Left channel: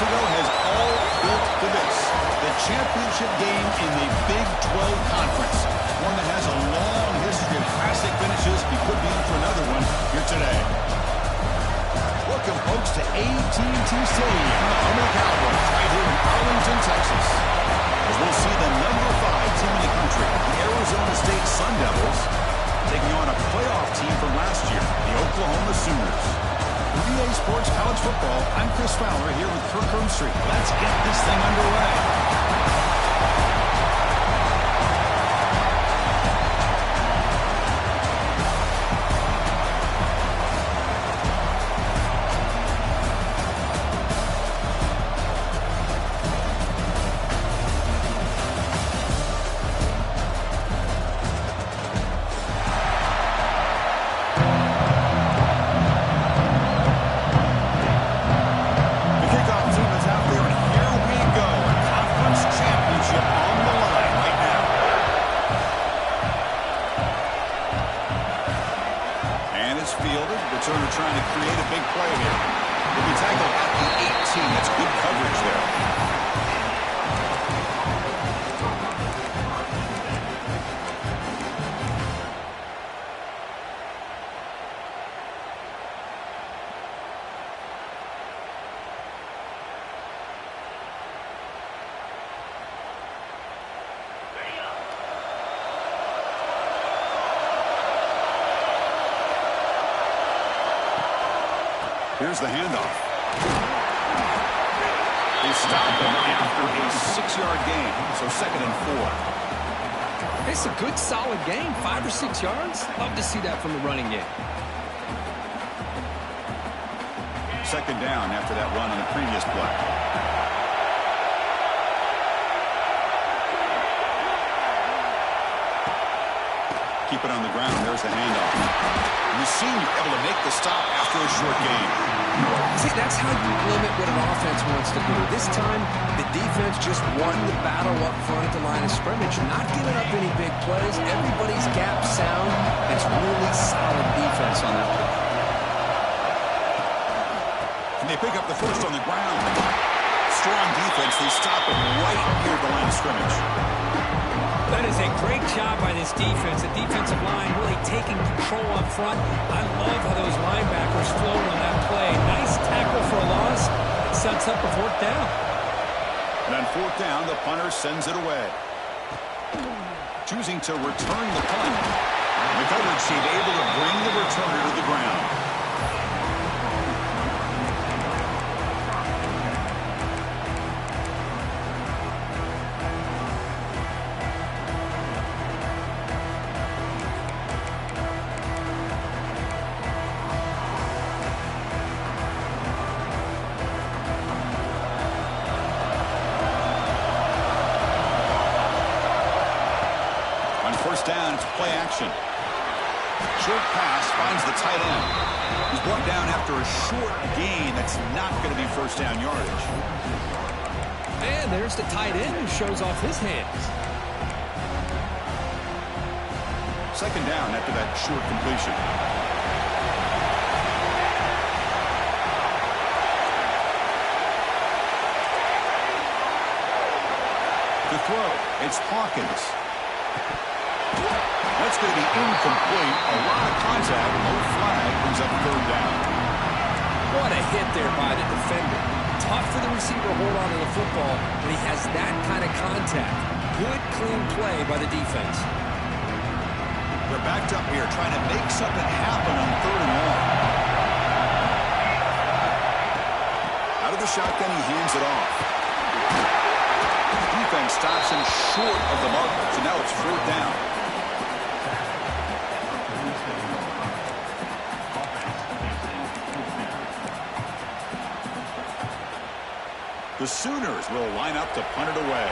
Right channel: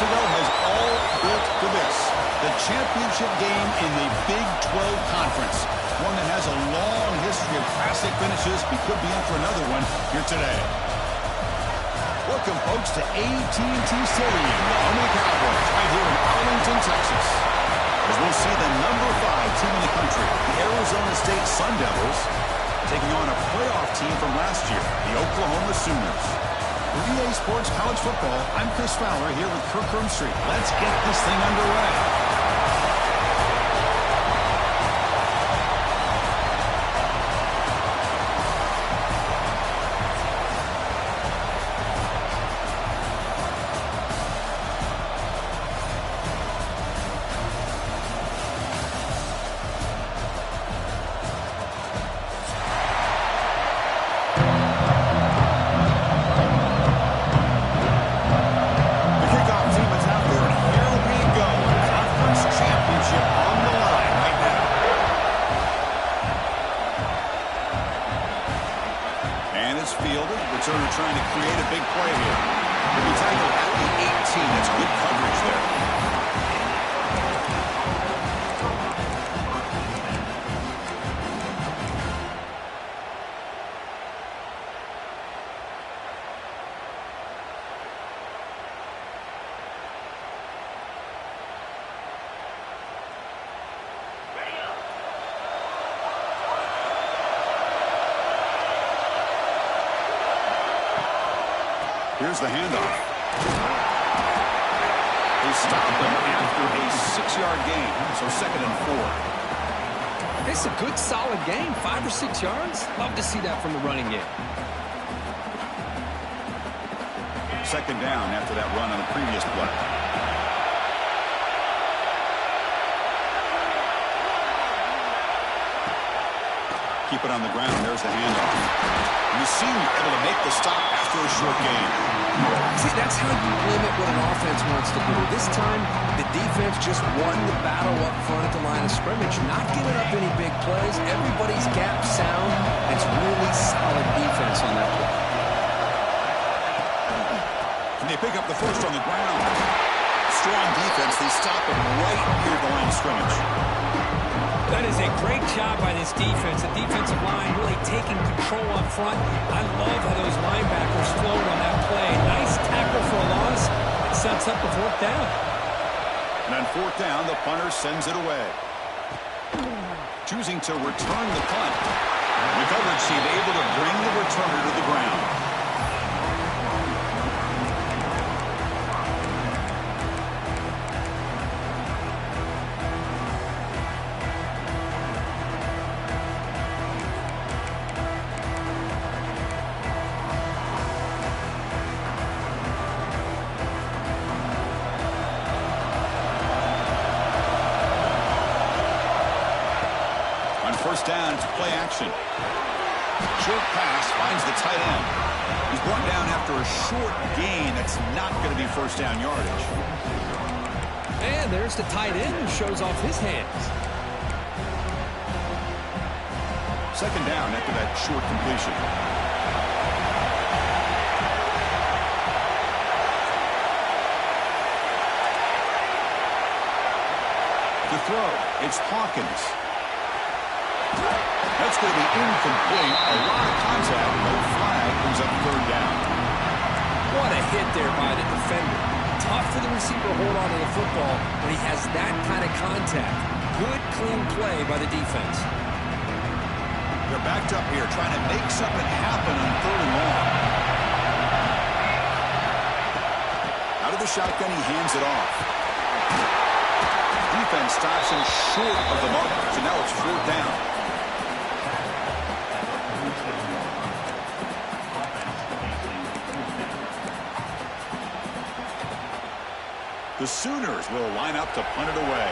months ago has all built to this. The championship game in the Big 12 Conference. One that has a long history of classic finishes. We could be in for another one here today. Welcome, folks, to AT&T Stadium, the home of the Cowboys, right here in Arlington, Texas. As we'll see the number 5 team in the country, the Arizona State Sun Devils, taking on a playoff team from last year, the Oklahoma Sooners. With EA Sports College Football, I'm Chris Fowler here with Kirk Herbstreit. Let's get this thing underway. Returner trying to create a big play here. He'll be tackled at the 18. That's good coverage there. Here's the handoff. They stop him after a 6-yard gain, so 2nd and 4. It's a good, solid game. 5 or 6 yards. Love to see that from the running game. 2nd down after that run on the previous play. Keep it on the ground. There's the handoff. The senior able to make the stop after a short gain. See, that's how you limit what an offense wants to do. This time, the defense just won the battle up front at the line of scrimmage, not giving up any big plays. Everybody's gap sound. It's really solid defense on that play. Can they pick up the first on the ground? Strong defense. They stop it right near the line of scrimmage. That is a great job by this defense. The defensive line really taking control up front. I love how those linebackers flowed on that play. Nice tackle for a loss. It sets up a 4th down. And on 4th down, the punter sends it away. Choosing to return the punt. The coverage team able to bring the returner to the ground. First down, it's play action. Short pass finds the tight end. He's brought down after a short gain. That's not going to be first down yardage. And there's the tight end who shows off his hands. 2nd down after that short completion. To throw, it's Hawkins. That's going to be incomplete. A lot of contact. No flag. Brings up 3rd down. What a hit there by the defender. Tough for the receiver to hold on to the football when he has that kind of contact. Good, clean play by the defense. They're backed up here trying to make something happen on 3rd and long. Out of the shotgun, he hands it off. Defense stops him short of the marker, so now it's 4th down. The Sooners will line up to punt it away.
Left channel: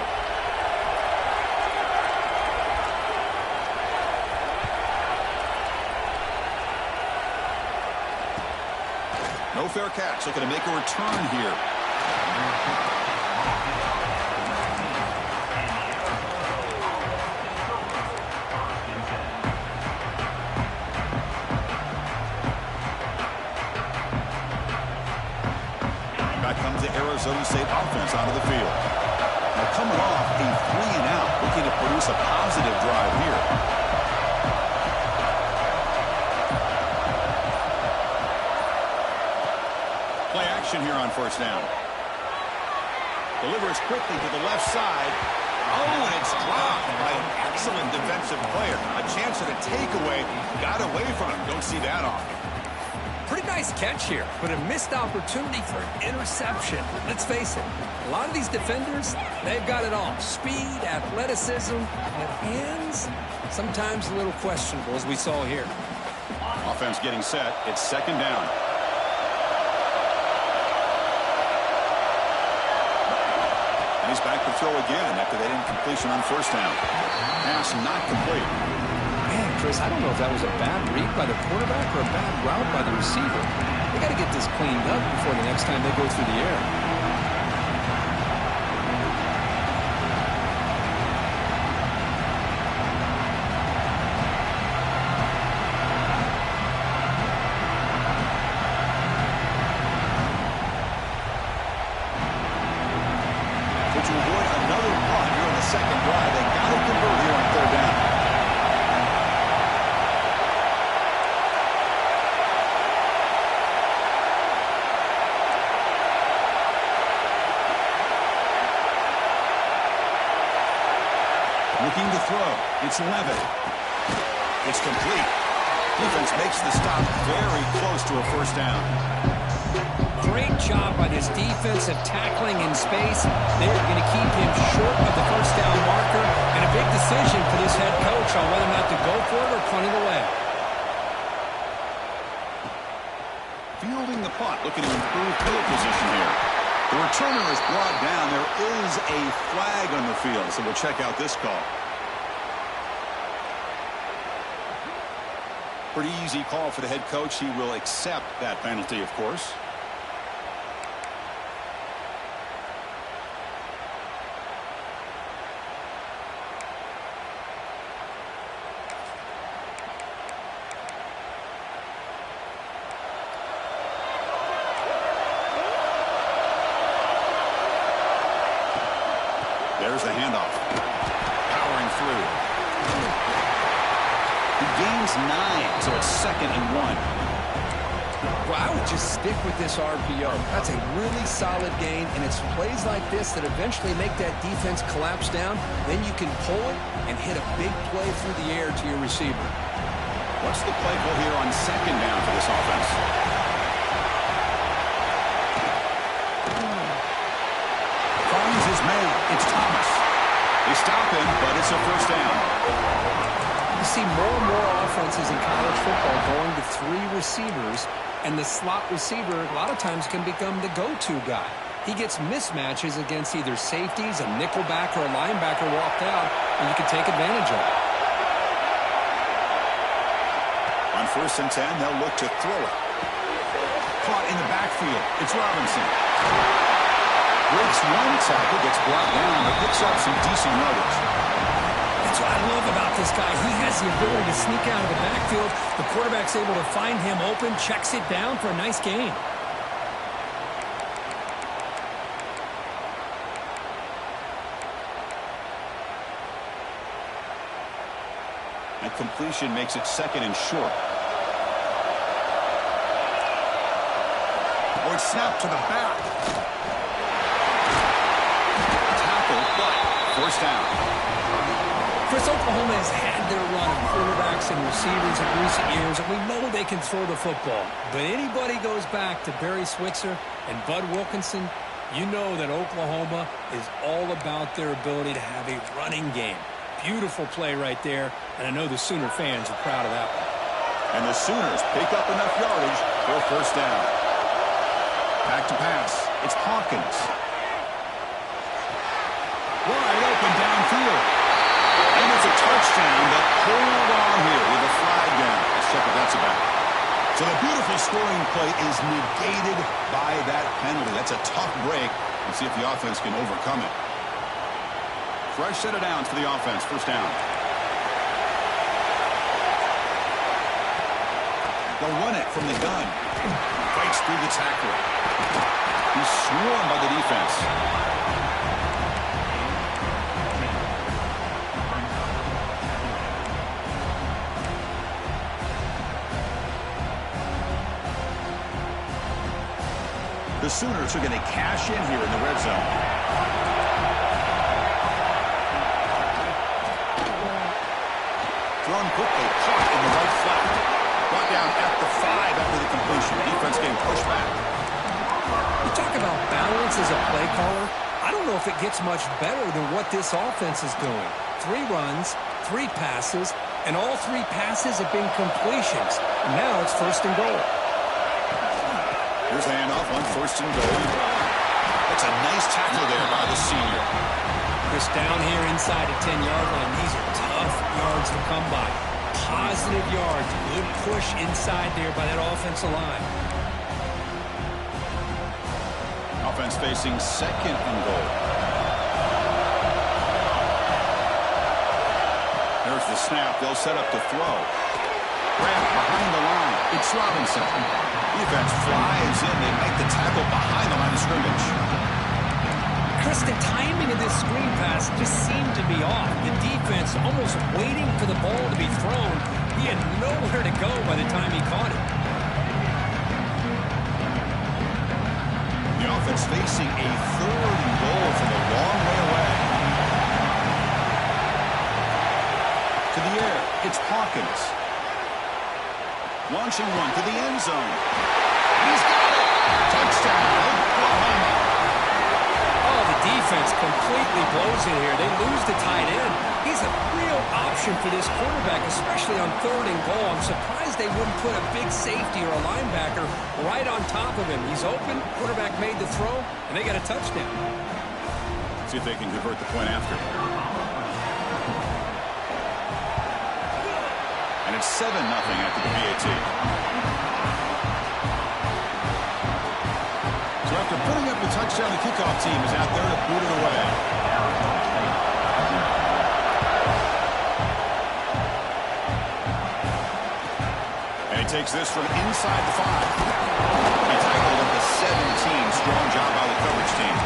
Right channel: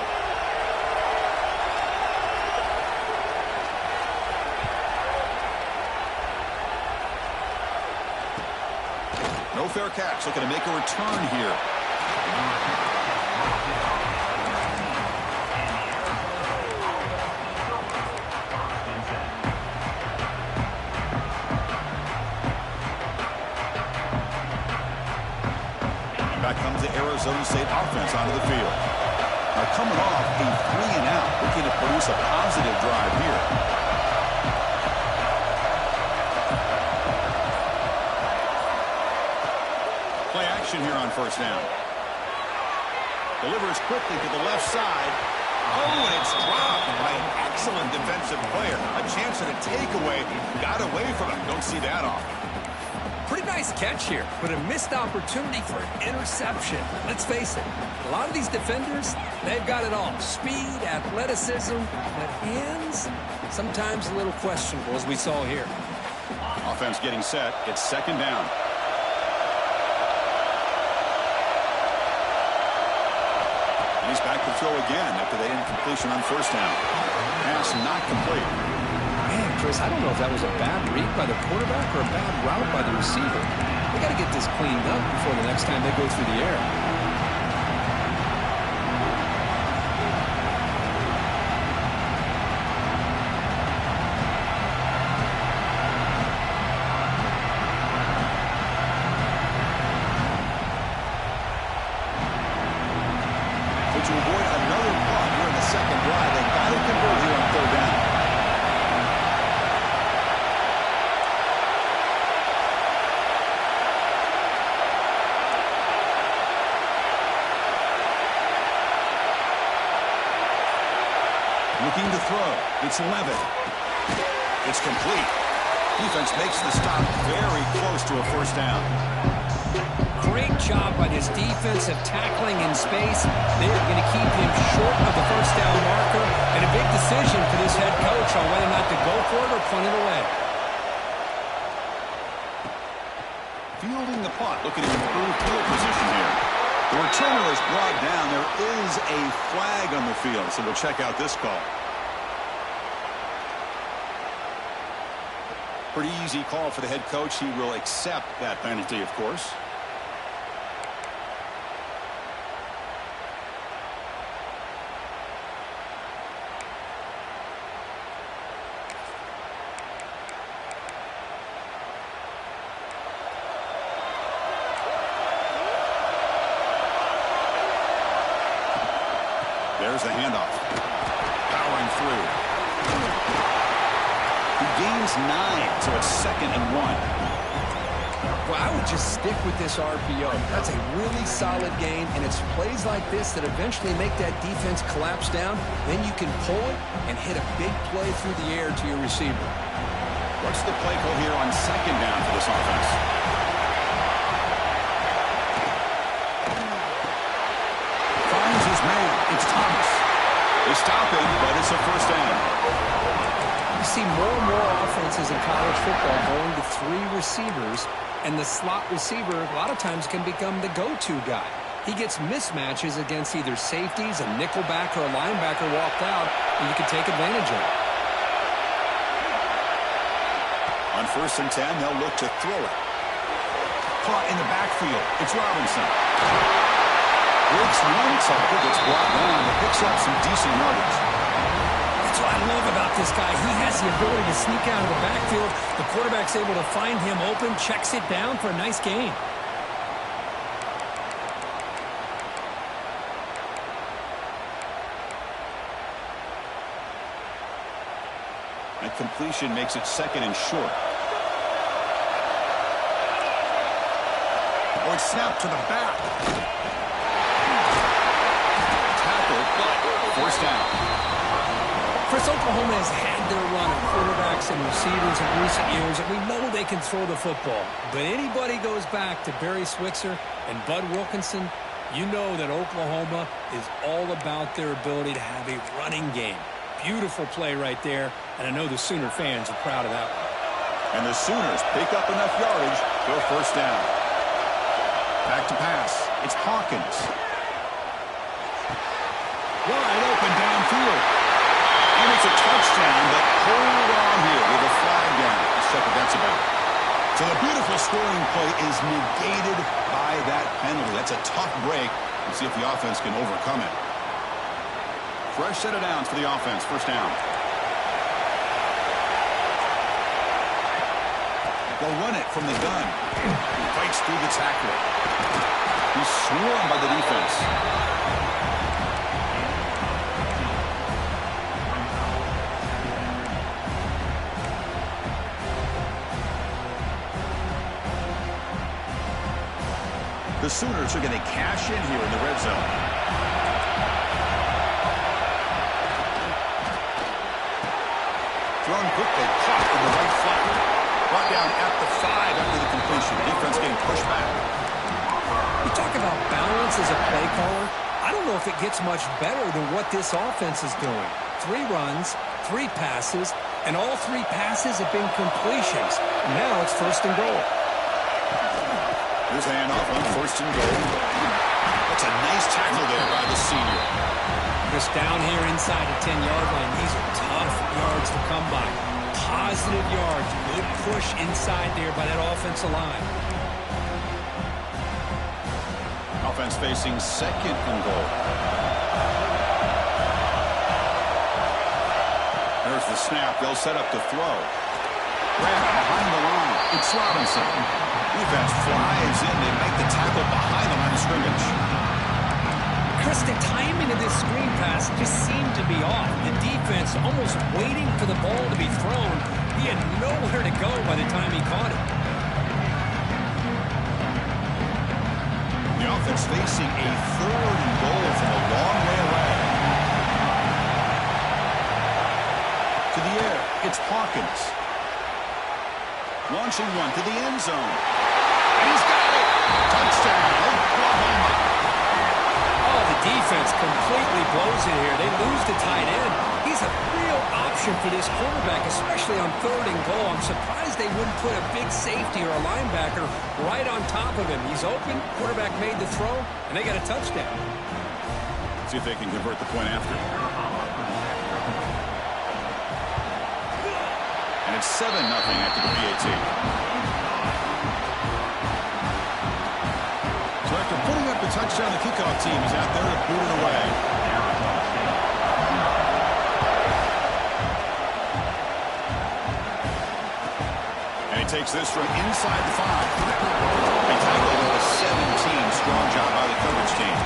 No fair catch. Looking to make a return here. Back comes the Arizona State offense onto the field. Now coming off a 3-and-out, looking to produce a positive drive here. Play action here on first down. Delivers quickly to the left side. Oh, and it's dropped by an excellent defensive player. A chance at a takeaway. Got away from him. Don't see that often. Pretty nice catch here, but a missed opportunity for an interception. Let's face it, a lot of these defenders, they've got it all. Speed, athleticism, but hands, sometimes a little questionable, as we saw here. Offense getting set. It's second down. And he's back to throw again after that incompletion on first down. Pass not complete. Man, Chris, I don't know if that was a bad read by the quarterback or a bad route by the receiver. They got to get this cleaned up before the next time they go through the air. To avoid another punt here in the second drive, they got to convert here on third down. Looking to throw. It's Levitt. It's complete. Defense makes the stop very close to a first down. Great job by this defensive tackling in space. They're going to keep him short of the first down marker, and a big decision for this head coach on whether or not to go for it or punt it away. Fielding the punt, looking to improve field position here. The returner is brought down. There is a flag on the field, so we'll check out this call. Pretty easy call for the head coach. He will accept that penalty, of course. There's the handoff. Powering through. He gains 9, so it's 2nd and 1. Well, I would just stick with this RPO. That's a really solid gain, and it's plays like this that eventually make that defense collapse down. Then you can pull it and hit a big play through the air to your receiver. What's the play call here on second down for this offense? Finds his man. It's Thomas. They stop him, but it's a first down. You see more and more offenses in college football going to 3 receivers, and the slot receiver a lot of times can become the go-to guy. He gets mismatches against either safeties, a nickelback, or a linebacker walked out, and you can take advantage of it. On 1st and 10, they'll look to throw it. Caught in the backfield. It's Robinson. Breaks one tackle, gets brought down, but picks up some decent yardage. That's what I love about this guy. He has the ability to sneak out of the backfield. The quarterback's able to find him open, checks it down for a nice gain. That completion makes it 2nd and short. Or it's snapped to the back. But first down. Chris, Oklahoma has had their run of quarterbacks and receivers in recent years, and we know they can throw the football. But anybody goes back to Barry Switzer and Bud Wilkinson, you know that Oklahoma is all about their ability to have a running game. Beautiful play right there, and I know the Sooner fans are proud of that one. And the Sooners pick up enough yardage for a first down. Back to pass. It's Hawkins. Wide open downfield. And it's a touchdown, but hold on here with a flag down. Let's check what that's about. So the beautiful scoring play is negated by that penalty. That's a tough break. Let's see if the offense can overcome it. Fresh set of downs for the offense. First down. They'll run it from the gun. Fights through the tackler. He's swarmed by the defense. The Sooners are going to cash in here in the red zone. Thrown quickly, caught in the right flat. Brought down at the 5 after the completion. Defense getting pushed back. You talk about balance as a play caller. I don't know if it gets much better than what this offense is doing. 3 runs, 3 passes, and all 3 passes have been completions. And now it's 1st and goal. Here's a handoff on 1st and goal. That's a nice tackle there by the senior. Just down here inside the 10-yard line. These are tough yards to come by. Positive yards. Good push inside there by that offensive line. Offense facing 2nd and goal. There's the snap. They'll set up to throw. Grab behind the line. It's Robinson. Defense flies in. They make the tackle behind the line of scrimmage. Chris, the timing of this screen pass just seemed to be off. The defense almost waiting for the ball to be thrown. He had nowhere to go by the time he caught it. The offense facing a 3rd and goal from a long way away. To the air, it's Hawkins. Launching one to the end zone. And he's got it! Touchdown, Oklahoma! Oh, the defense completely blows it here. They lose the tight end. He's a real option for this quarterback, especially on 3rd and goal. I'm surprised they wouldn't put a big safety or a linebacker right on top of him. He's open, quarterback made the throw, and they got a touchdown. See if they can convert the point after. And it's 7-0 after the PAT. So after putting up the touchdown, the kickoff team is out there to boot it away. And he takes this from inside the 5. He tackled at the 17. Strong job by the coverage team.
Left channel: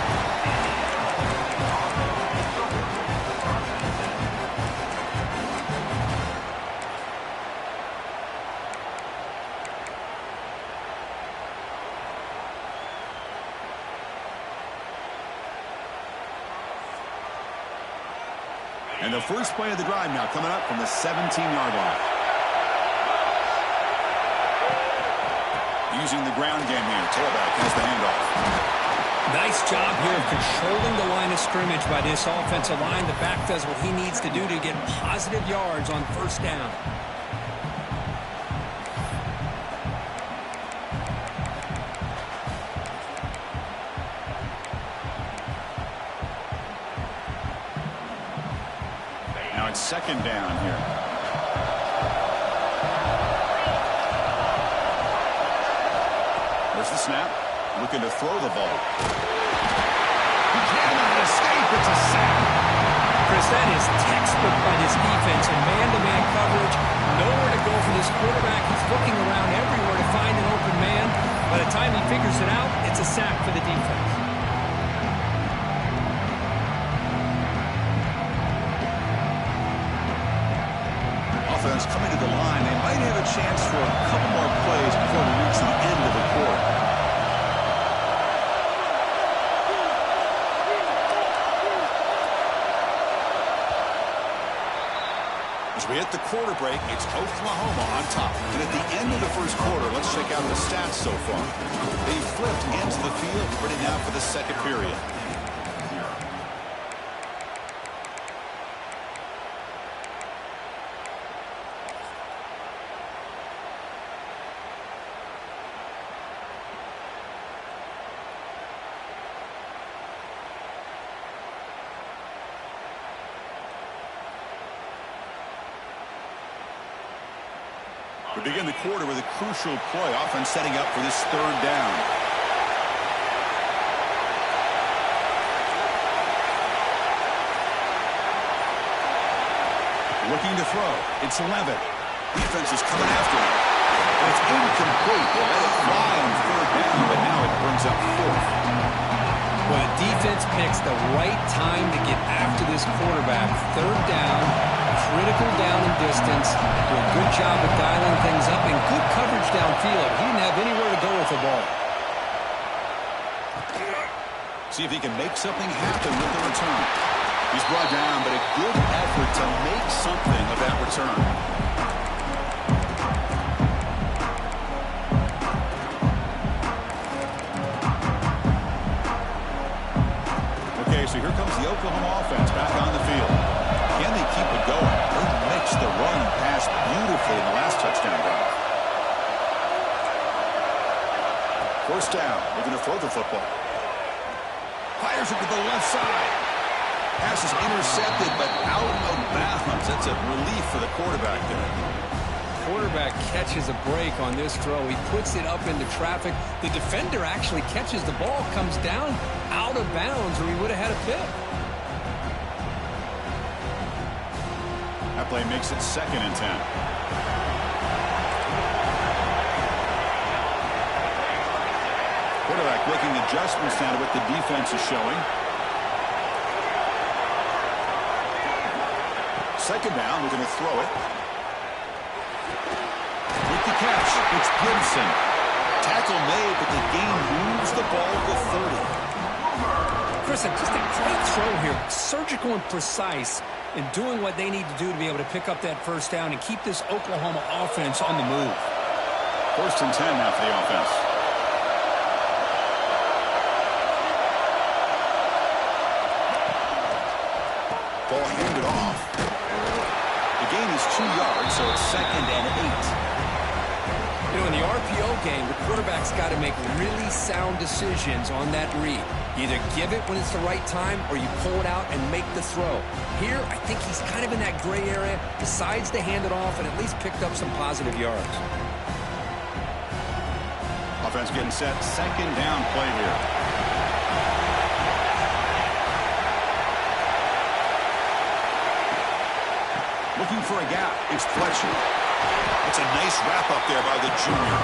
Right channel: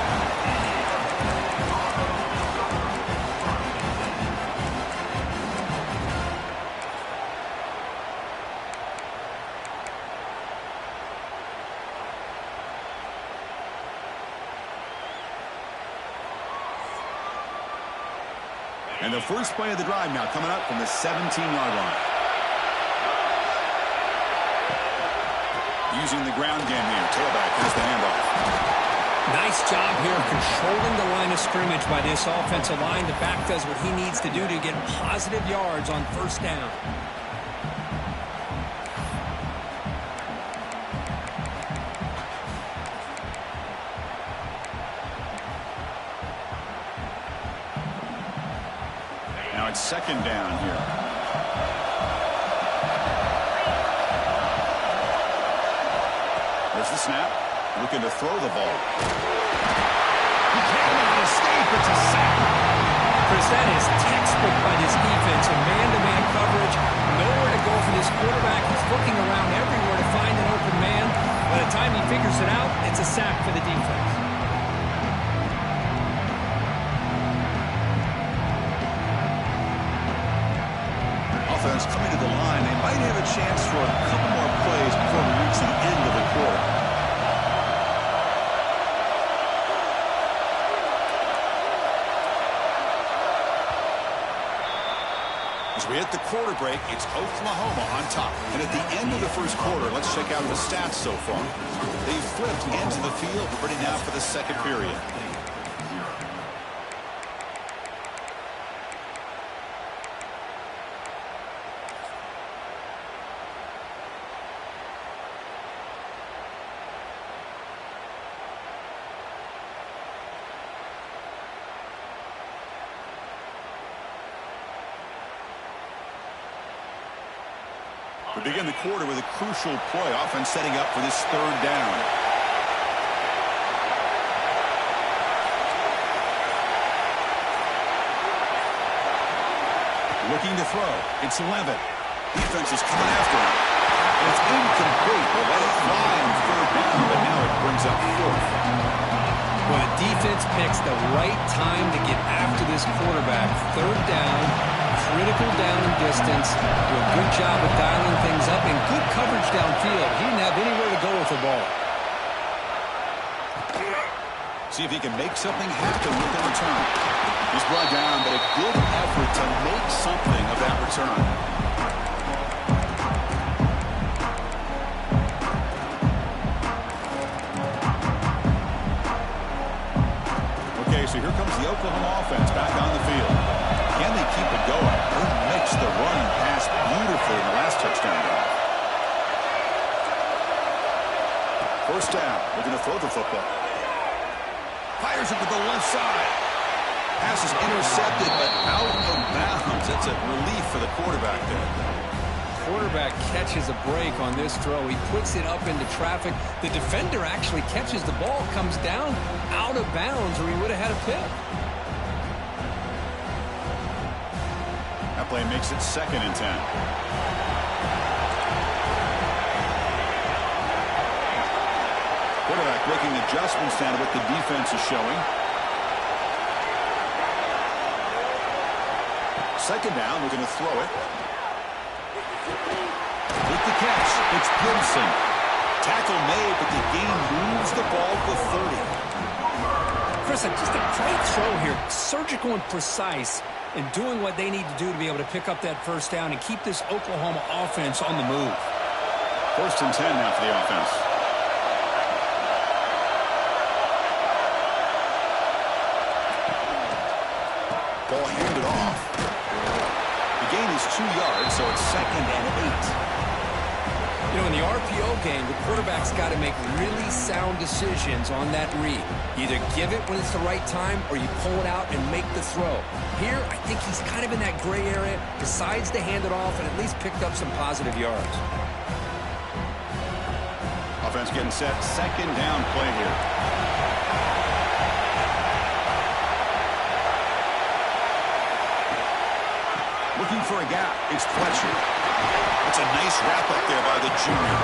And the first play of the drive now coming up from the 17-yard line. Using the ground game here. Tailback has the handoff. Nice job here of controlling the line of scrimmage by this offensive line. The back does what he needs to do to get positive yards on 1st down. Now it's 2nd down here. There's the snap. Looking to throw the ball. He cannot escape. It's a sack. Chris, that is textbook by this defense. In man-to-man coverage. Nowhere to go for this quarterback. He's looking around everywhere to find an open man. By the time he figures it out, it's a sack for the defense. Offense coming to the line. They might have a chance for a couple more plays before we reach the end of the quarter. As we hit the quarter break, it's Oklahoma on top. And at the end of the first quarter, let's check out the stats so far. They've flipped into the field, ready now for the 2nd period. We begin the quarter with a crucial play. Offense setting up for this 3rd down. Looking to throw. It's Levitt. Defense is coming after him. And it's incomplete. They let it fly on 3rd down, but now it brings up 4th. Well, the defense picks the right time to get after this quarterback. Third down, critical down and distance. Do a good job of dialing things up and good coverage downfield. He didn't have anywhere to go with the ball. See if he can make something happen with the return. He's brought down, but a good effort to make something of that return. Okay, so here comes the Oklahoma offense back on the field. Can they keep it going? They mixed the run and pass beautifully in the last touchdown drive. First down, looking to throw the football. Fires it to the left side. Pass is intercepted, but out of bounds. That's a relief for the quarterback there. Quarterback catches a break on this throw. He puts it up into traffic. The defender actually catches the ball, comes down out of bounds, or he would have had a pick. That play makes it 2nd and 10. Quarterback making adjustments now to what the defense is showing. 2nd down, we're going to throw it. With the catch, it's Gibson. Tackle made, but the gain moves the ball to 30. Chris, just a great throw here. Surgical and precise in doing what they need to do to be able to pick up that first down and keep this Oklahoma offense on the move. 1st and 10 now for the offense. Ball handed off. The gain is 2 yards, so it's 2nd and 8. You know, in the RPO game, the quarterback's got to make really sound decisions on that read. You either give it when it's the right time or you pull it out and make the throw. Here, I think he's kind of in that gray area, decides to hand it off and at least picked up some positive yards. Offense getting set. 2nd down play here. Looking for a gap. It's Fletcher. It's a nice wrap up there by the junior.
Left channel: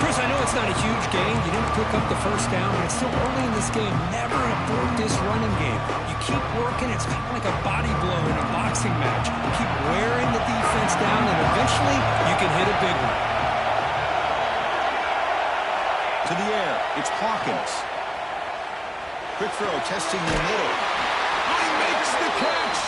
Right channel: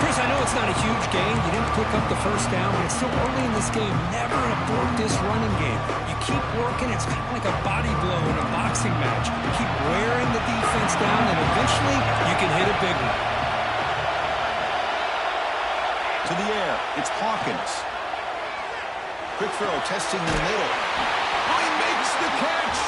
Chris, I know it's not a huge gain. You didn't pick up the first down, but it's still early in this game. Never abort this running game. You keep working. It's kind of like a body blow in a boxing match. Keep wearing the defense down, and eventually you can hit a big one. To the air. It's Hawkins. Quick throw, testing the middle. Oh, he makes the catch.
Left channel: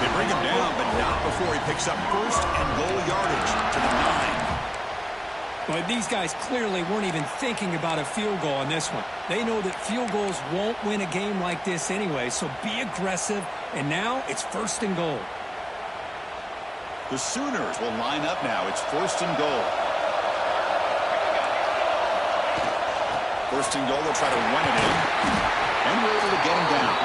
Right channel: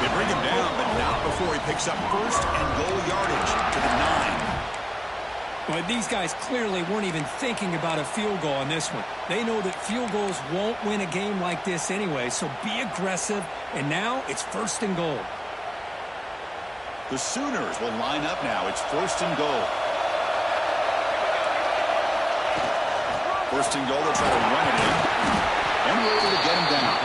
They bring him down, but not before he picks up 1st and goal yardage to the 9. Well, these guys clearly weren't even thinking about a field goal on this one. They know that field goals won't win a game like this anyway, so be aggressive. And now it's 1st and goal. The Sooners will line up now. It's 1st and goal. 1st and goal, they'll try to run it in. And we're able to get him down.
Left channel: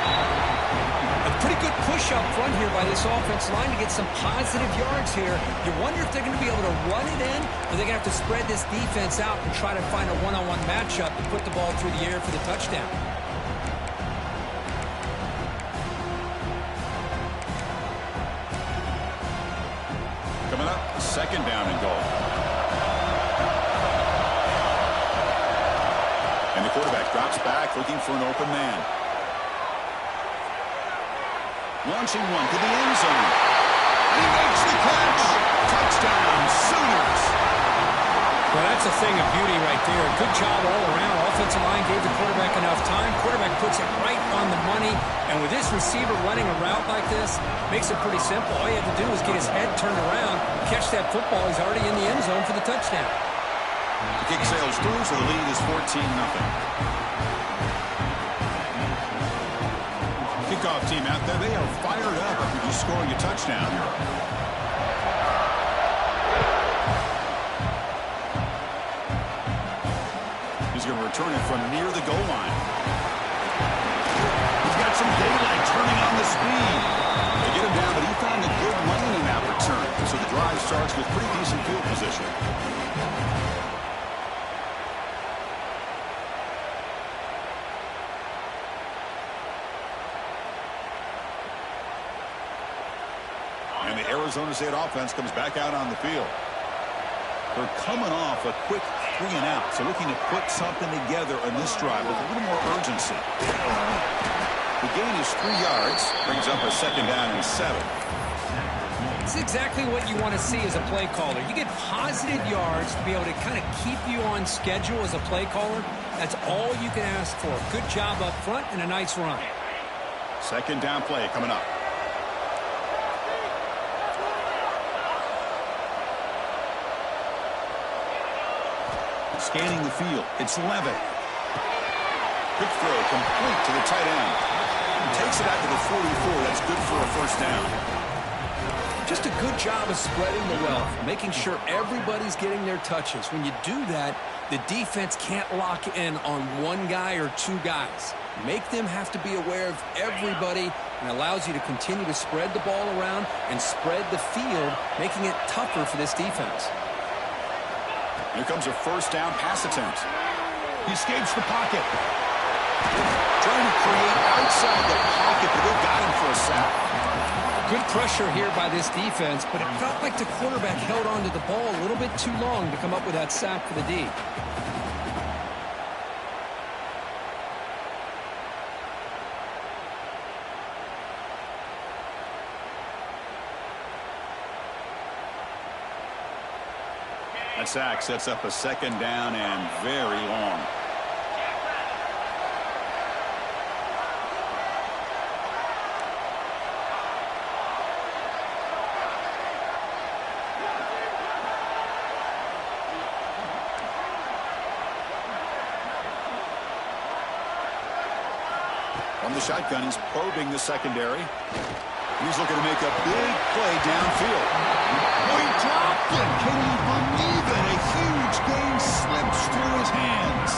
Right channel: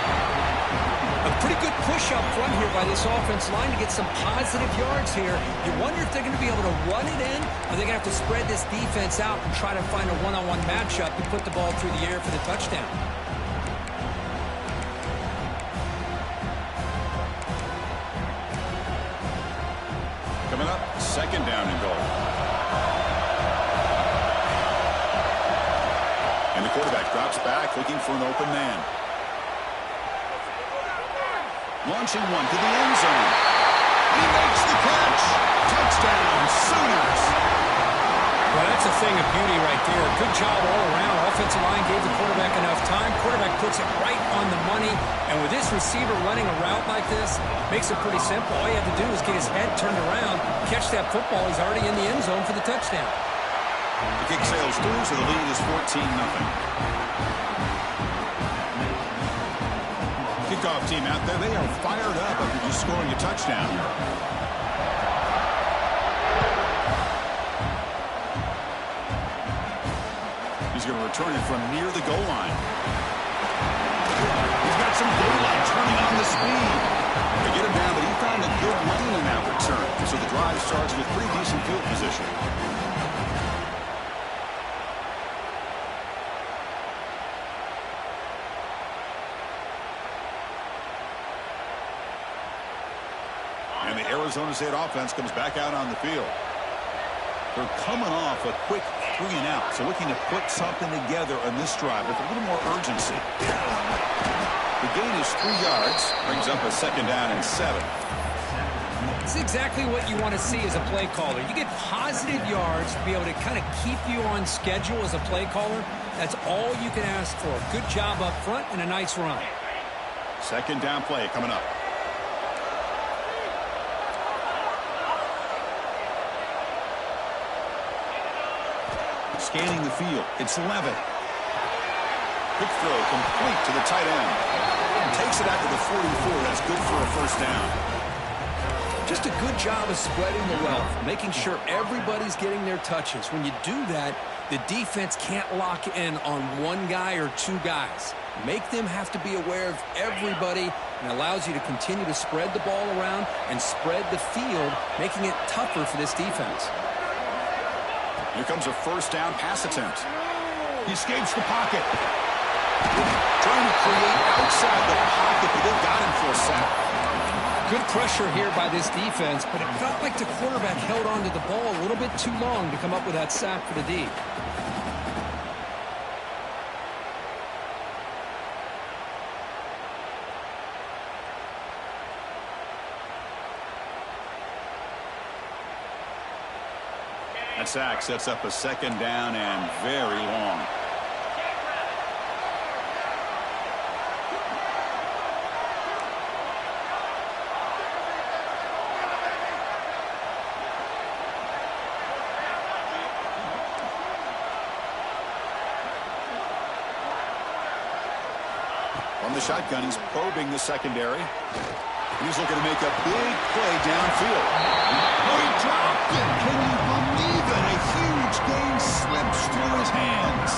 A pretty good push up front here by this offense line to get some positive yards here. You wonder if they're going to be able to run it in, or they're going to have to spread this defense out and try to find a one-on-one matchup to put the ball through the air for the touchdown. Coming up, 2nd down and goal. And the quarterback drops back looking for an open man. Launching one to the end zone. And he makes the catch. Touchdown, Sooners. Well, that's a thing of beauty right there. Good job all around. Offensive line gave the quarterback enough time. Quarterback puts it right on the money. And with this receiver running a route like this, makes it pretty simple. All you have to do is get his head turned around, catch that football. He's already in the end zone for the touchdown. The kick sails through, so the lead is 14-0. Kickoff team out there, they are fired up after just scoring a touchdown. He's going to return it from near the goal line. He's got some daylight turning on the speed. They get him down, but he found a good lane in that return. So the drive starts with pretty decent field position. And the Arizona State offense comes back out on the field. They're coming off a quick 3 and out, so looking to put something together on this drive with a little more urgency. The gain is 3 yards, brings up a 2nd down and 7. It's exactly what you want to see as a play caller. You get positive yards to be able to kind of keep you on schedule as a play caller. That's all you can ask for. Good job up front and a nice run. 2nd down play coming up. Scanning the field. It's Levitt. Quick throw complete to the tight end. Takes it out to the 44. That's good for a 1st down. Just a good job of spreading the wealth, making sure everybody's getting their touches. When you do that, the defense can't lock in on one guy or 2 guys. Make them have to be aware of everybody, and allows you to continue to spread the ball around and spread the field, making it tougher for this defense. Here comes a 1st down pass attempt. He escapes the pocket. Trying to create outside the pocket, but they got him for a sack. Good pressure here by this defense, but it felt like the quarterback held on to the ball a little bit too long to come up with that sack for the D. That sack sets up a 2nd down and very long. From the shotgun, he's probing the secondary. He's looking to make a big play downfield. Oh, he dropped it. Can you believe it? A huge gain slips through his hands.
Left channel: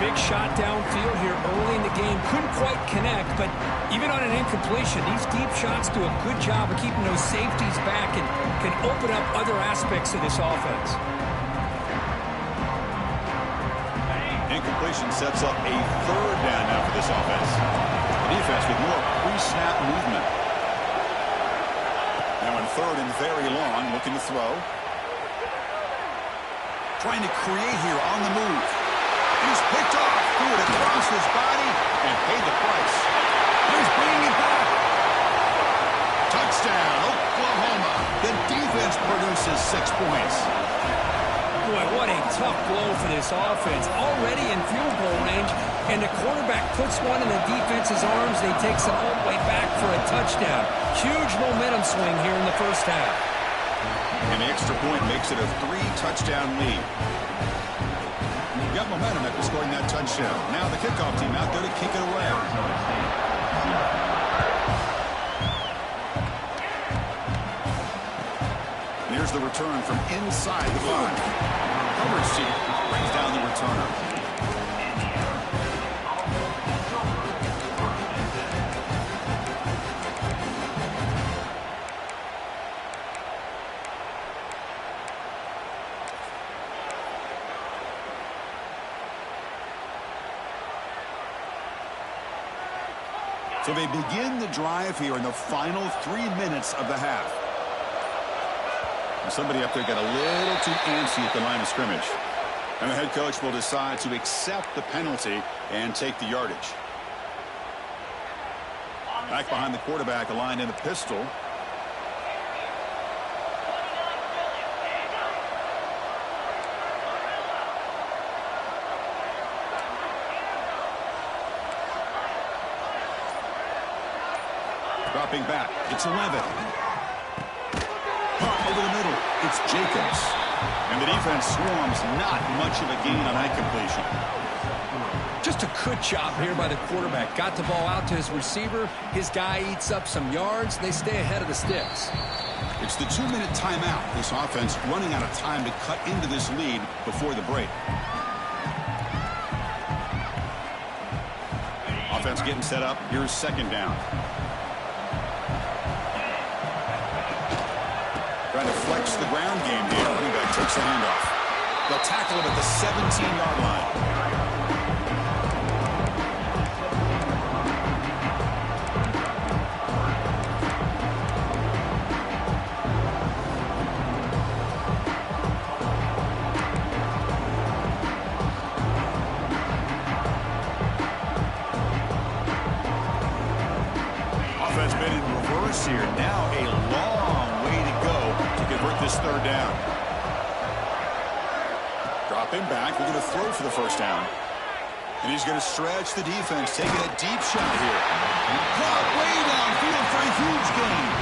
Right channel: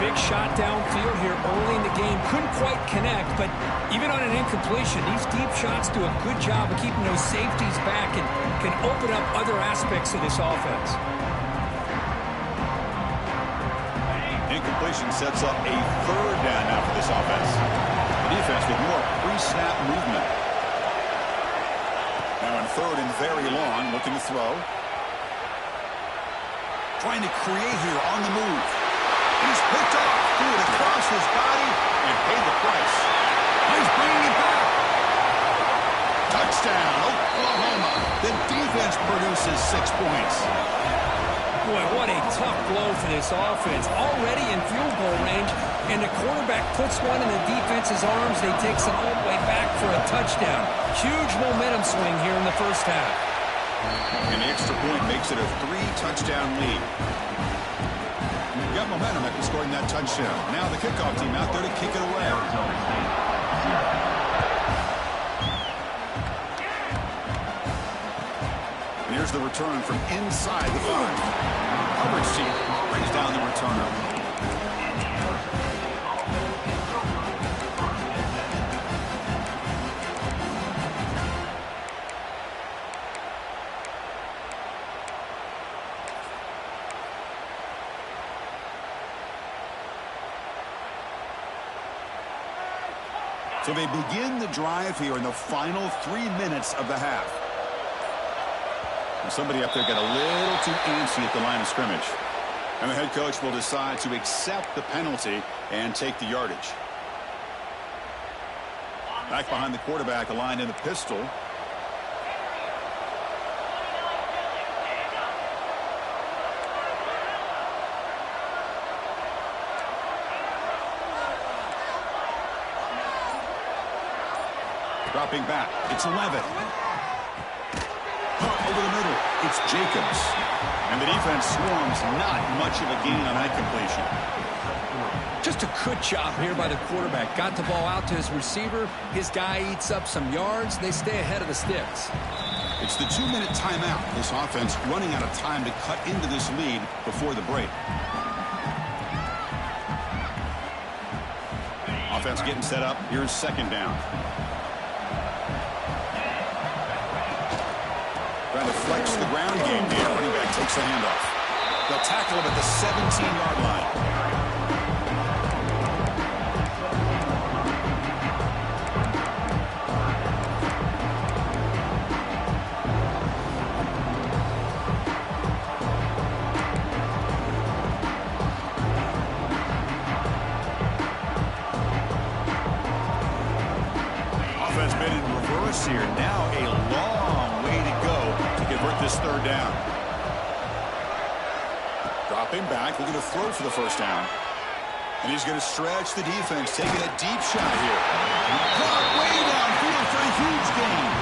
Big shot downfield here early in the game. Couldn't quite connect, but even on an incompletion, these deep shots do a good job of keeping those safeties back and can open up other aspects of this offense. Incompletion sets up a 3rd down now for this offense. The defense with more pre-snap movement. Now in 3rd and very long, looking to throw. Trying to create here on the move. And he's picked off. Threw it across his body and paid the price. Oh, he's bringing it back. Touchdown, Oklahoma. The defense produces 6 points. Boy, what a tough blow for this offense. Already in field goal range, and the quarterback puts one in the defense's arms. They takes it all the way back for a touchdown. Huge momentum swing here in the 1st half. And the extra point makes it a 3-touchdown lead. Got momentum after scoring that touchdown. Now the kickoff team out there to kick it away. And here's the return from inside the 5. Coverage team brings down the returner. So they begin the drive here in the final 3 minutes of the half. Somebody up there got a little too antsy at the line of scrimmage. And the head coach will decide to accept the penalty and take the yardage. Back behind the quarterback, aligned in the pistol. Dropping back, it's Levitt. Over the middle, it's Jacobs. And the defense swarms, not much of a gain on that completion. Just a good job here by the quarterback. Got the ball out to his receiver. His guy eats up some yards. They stay ahead of the sticks. It's the 2-minute timeout. This offense running out of time to cut into this lead before the break. Offense getting set up. Here's 2nd down. Trying to flex the ground game here. Running back takes the handoff. They'll tackle him at the 17-yard line. close here. Now a long way to go to convert this third down. Dropping back, looking to throw for the first down. And he's going to stretch the defense, taking a deep shot here. Caught way downfield for a huge gain.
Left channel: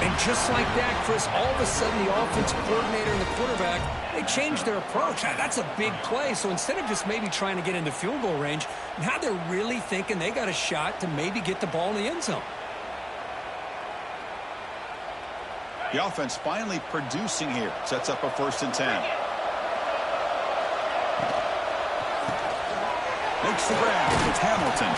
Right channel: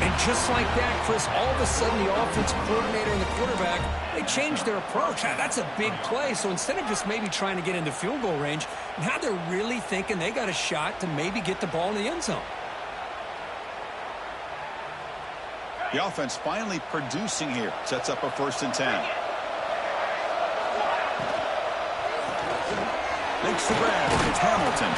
And just like that, Chris, all of a sudden the offensive coordinator and the quarterback, they changed their approach. That's a big play. So instead of just maybe trying to get into field goal range, now they're really thinking they got a shot to maybe get the ball in the end zone. The offense finally producing here. Sets up a 1st and 10. Makes the grab. It's Hamilton.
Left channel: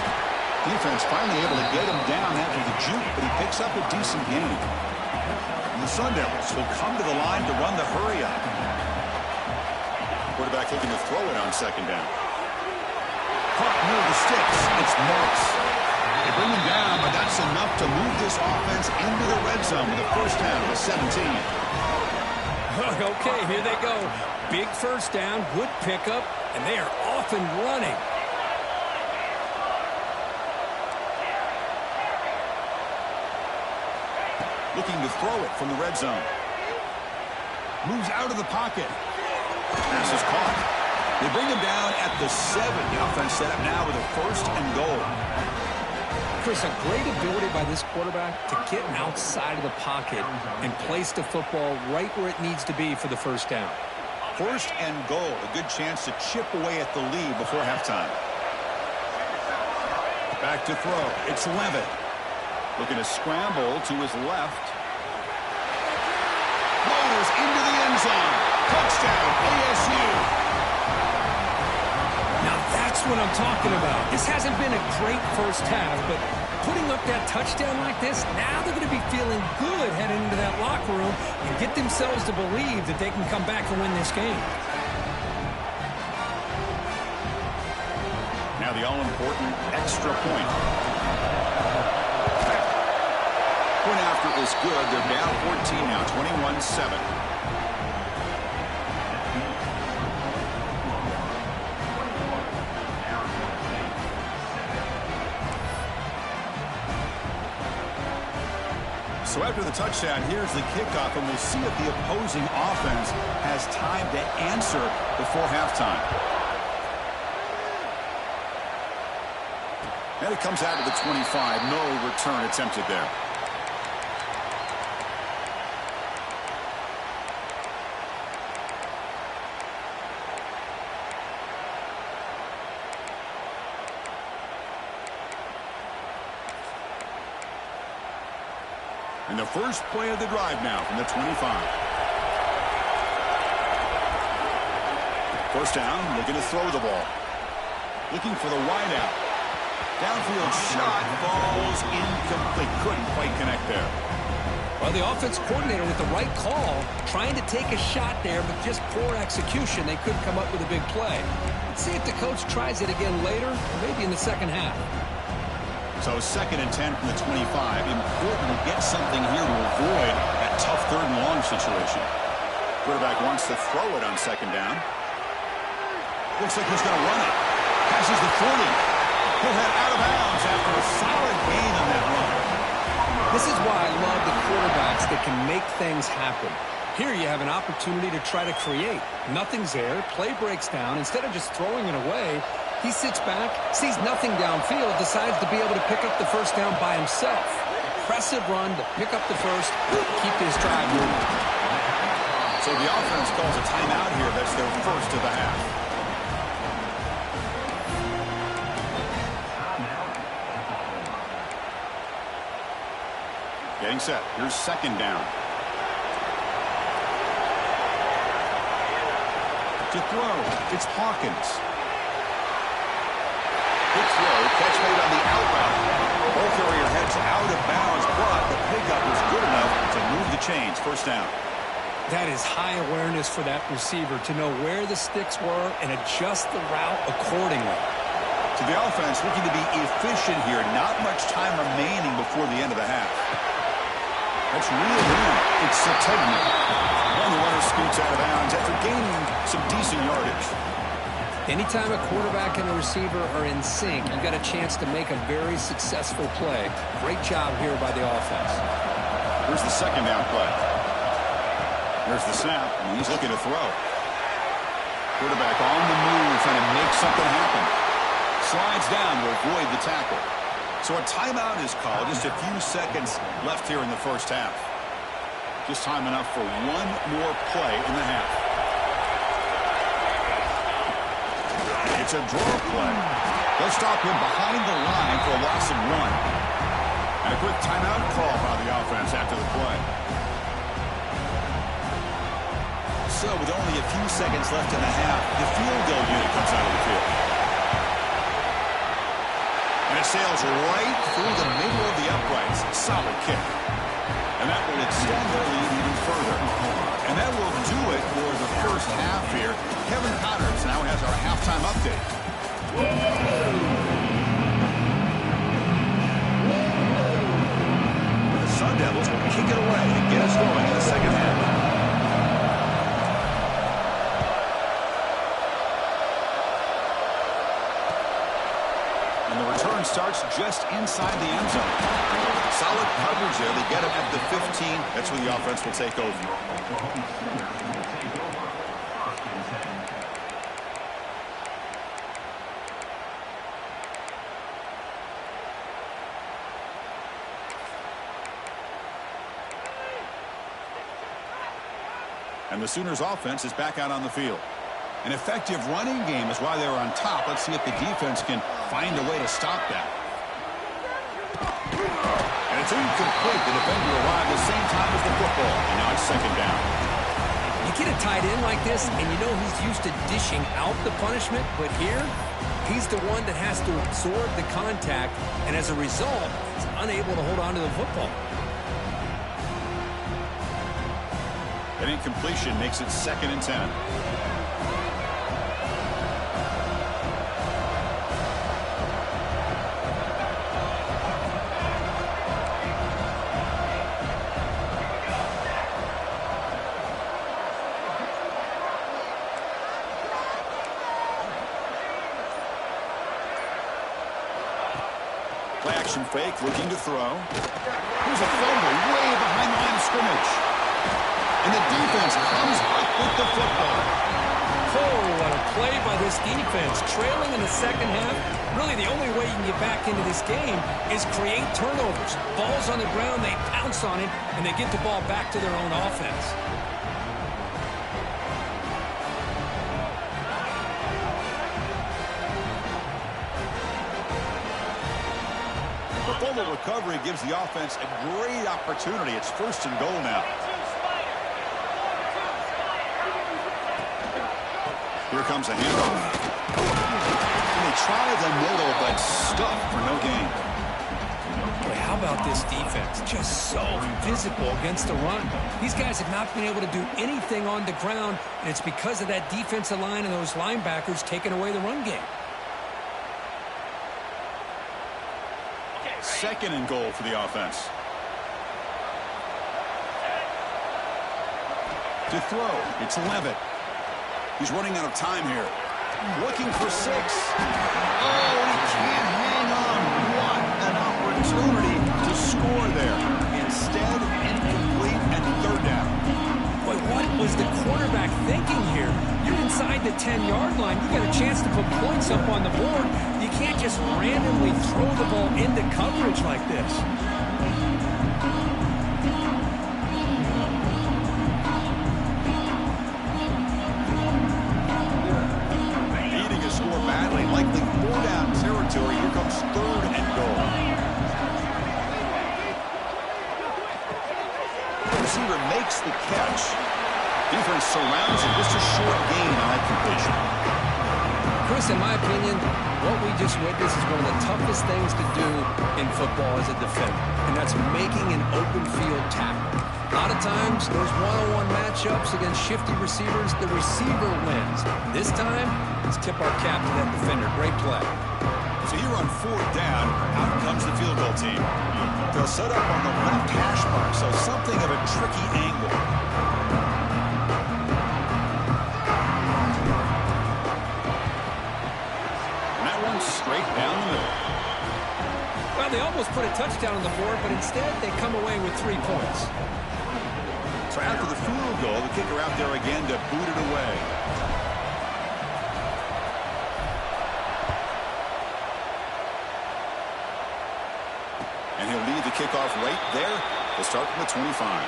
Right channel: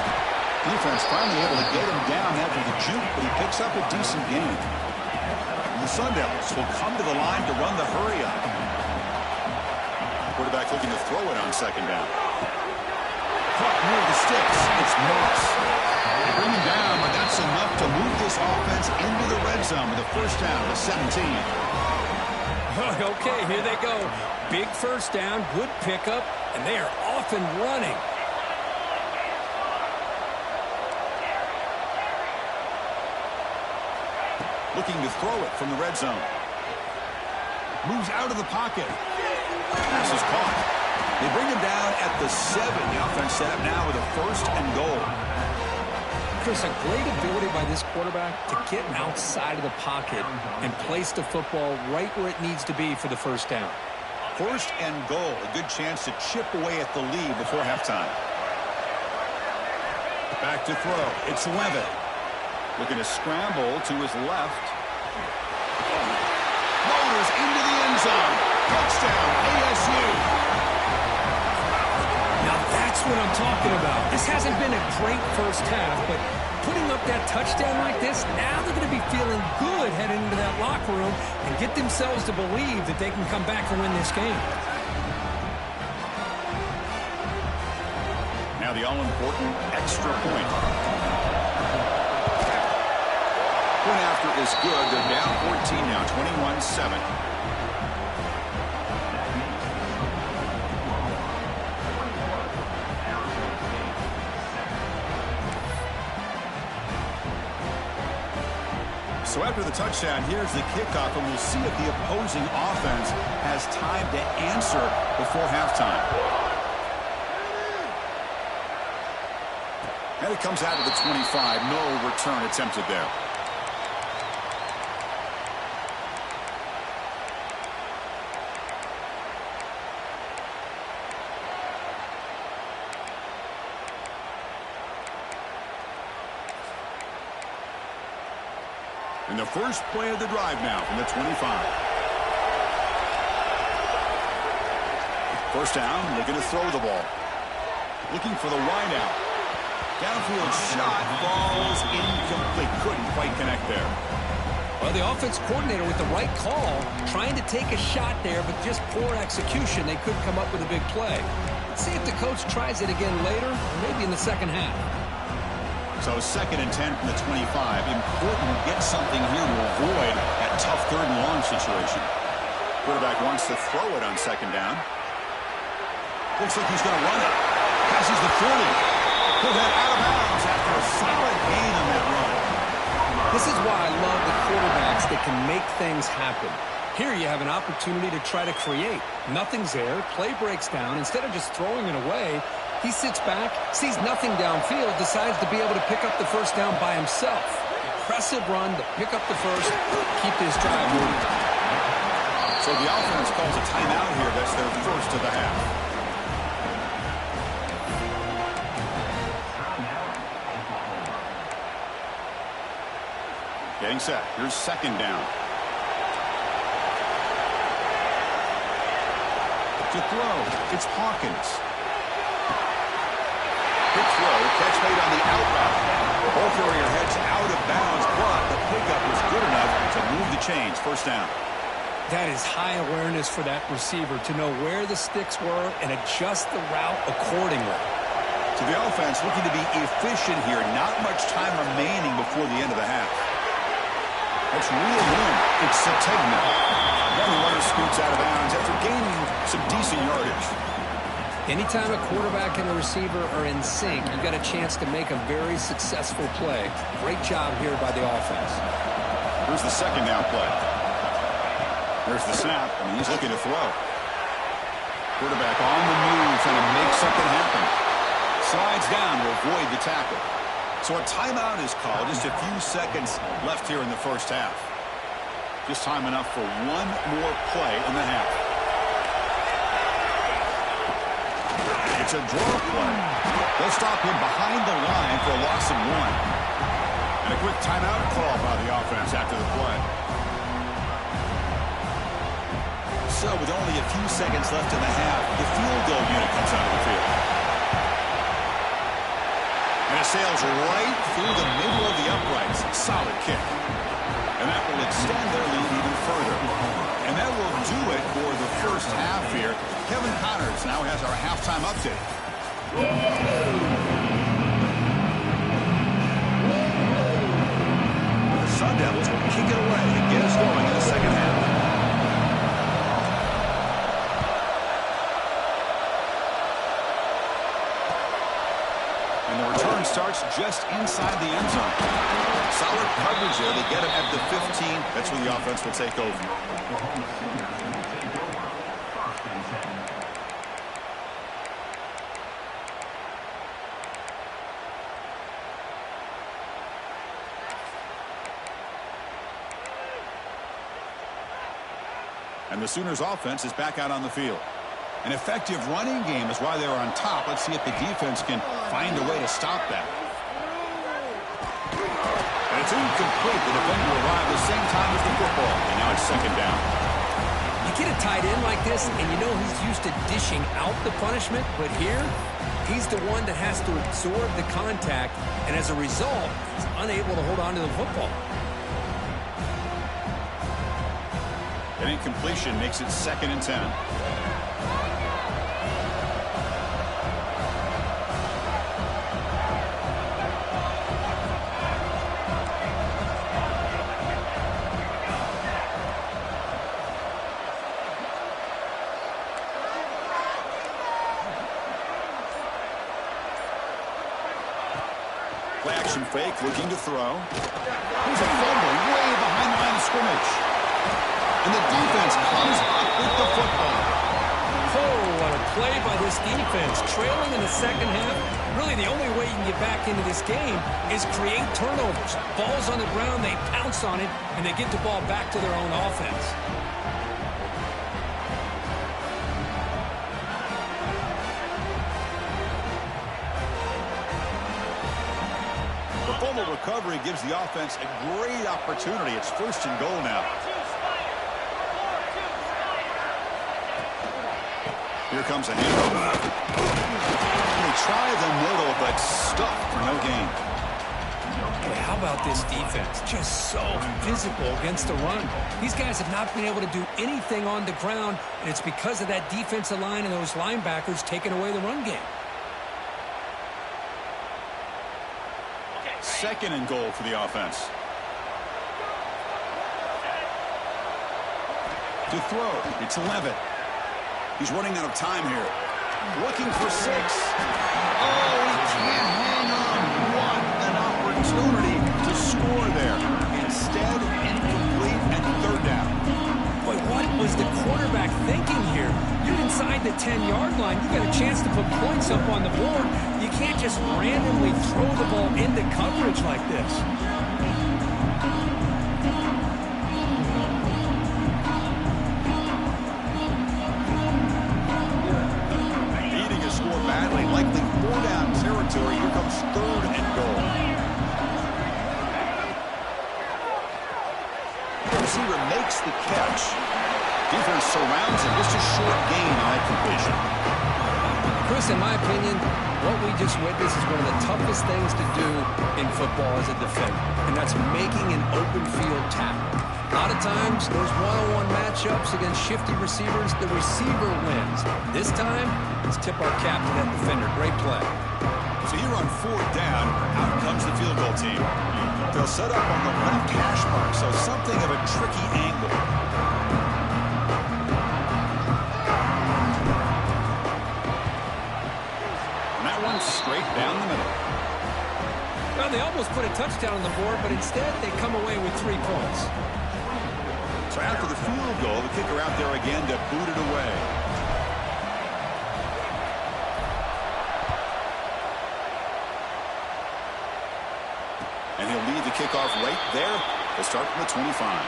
Defense finally able to get him down after the juke, but he picks up a decent gain. And the Sun Devils will come to the line to run the hurry up. Quarterback looking to throw it on 2nd down. Caught near the sticks. It's Moss. They bring him down, but that's enough to move this offense into the red zone with a 1st down to 17. Okay, here they go. Big 1st down, good pickup, and they are off and running. Looking to throw it from the red zone. Moves out of the pocket. Pass is caught. They bring him down at the 7. The offense set up now with a 1st and goal. Chris, a great ability by this quarterback to get outside of the pocket and place the football right where it needs to be for the 1st down. 1st and goal. A good chance to chip away at the lead before halftime. Back to throw. It's Levitt. Looking to scramble to his left. Motors into the end zone. Touchdown, ASU. Now that's what I'm talking about. This hasn't been a great 1st half, but putting up that touchdown like this, now they're going to be feeling good heading into that locker room and get themselves to believe that they can come back and win this game. Now the all-important extra point. Point after is good. They're down 14 now, 21-7. So after the touchdown, here's the kickoff, and we'll see if the opposing offense has time to answer before halftime. And it comes out to the 25. No return attempted there. And the first play of the drive now from the 25. 1st down, looking to throw the ball. Looking for the wideout. Downfield shot falls incomplete. Couldn't quite connect there. Well, the offense coordinator with the right call, trying to take a shot there, but just poor execution. They couldn't come up with a big play. Let's see if the coach tries it again later, or maybe in the 2nd half. So 2nd and 10 from the 25. Important to get something here to avoid that tough 3rd and long situation. Quarterback wants to throw it on 2nd down. Looks like he's going to run it. Passes the 40. He'll head out of bounds after a solid gain on that run. This is why I love the quarterbacks that can make things happen. Here you have an opportunity to try to create. Nothing's there. Play breaks down. Instead of just throwing it away, he sits back, sees nothing downfield, decides to be able to pick up the 1st down by himself. Impressive run to pick up the 1st, keep this drive moving. So the offense calls a timeout here. That's their 1st of the half. Getting set. Here's 2nd down. To throw, it's Hawkins. Good throw, catch made on the out route. Ball carrier heads out of bounds, but the pickup was good enough to move the chains. 1st down. That is high awareness for that receiver to know where the sticks were and adjust the route accordingly. So the offense looking to be efficient here. Not much time remaining before the end of the half. That's real in. It's Sategna. And the runner scoots out of bounds after gaining some decent yardage. Anytime a quarterback and a receiver are in sync, you got a chance to make a very successful play. Great job here by the offense. Here's the second down play. Here's the snap, and he's looking to throw. Quarterback on the move, trying to make something happen. Slides down to avoid the tackle. So a timeout is called. Just a few seconds left here in the first half. Just time enough for one more play in the half. It's a draw play. They'll stop him behind the line for a loss of 1. And a quick timeout call by the offense after the play. So with only a few seconds left in the half, the field goal unit comes out of the field. And it sails right through the middle of the uprights. Solid kick. And that will extend their lead even further. And that will do it for the first half here. Kevin Connors now has our halftime update. The Sun Devils will kick it away and get us going in the second half. And the return starts just inside the end zone. Solid coverage there. They get him at the 15. That's where the offense will take over. And the Sooners offense is back out on the field. An effective running game is why they're on top. Let's see if the defense can find a way to stop that. And it's incomplete. The defender arrived the same time as the football. And now it's second down. You get a tight end like this, and you know he's used to dishing out the punishment. But here, he's the one that has to absorb the contact. And as a result, he's unable to hold on to the football. An incompletion makes it 2nd and 10. Play action fake, looking to throw. Here's a fumble way behind the line of scrimmage. And the defense comes up with the football. Oh, what a play by this defense. Trailing in the second half, really the only way you can get back into this game is create turnovers. Ball's on the ground, they pounce on it, and they get the ball back to their own offense. The fumble recovery gives the offense a great opportunity. It's 1st and goal now. Here comes a handoff. And they try the middle, but stuffed for no gain. Boy, how about this defense? Just so physical against the run. These guys have not been able to do anything on the ground, and it's because of that defensive line and those linebackers taking away the run game. 2nd and goal for the offense. To throw, it's Levitt. He's running out of time here. Looking for 6. Oh, he can't hang on. What an opportunity to score there. Instead, incomplete and 3rd down. Boy, what was the quarterback thinking here? You're inside the 10-yard line. You got a chance to put points up on the board. You can't just randomly throw the ball into coverage like this. Needing a score badly, likely 4-down territory. Here comes 3rd and goal. The receiver makes the catch. Defense surrounds him. Just a short gain on that completion. Chris, in my opinion, what we just witnessed is one of the toughest things to do in football as a defender, and that's making an open field tackle. A lot of times, those one-on-one matchups against shifty receivers, the receiver wins. This time, let's tip our cap to that defender. Great play. So here on 4th down, out comes the field goal team. They'll set up on the left hash mark, so something of a tricky angle. straight down the middle. Well, they almost put a touchdown on the board, but instead they come away with 3 points. So after the field goal, the kicker out there again to boot it away. And he'll lead the kickoff right there. They'll start from the 25.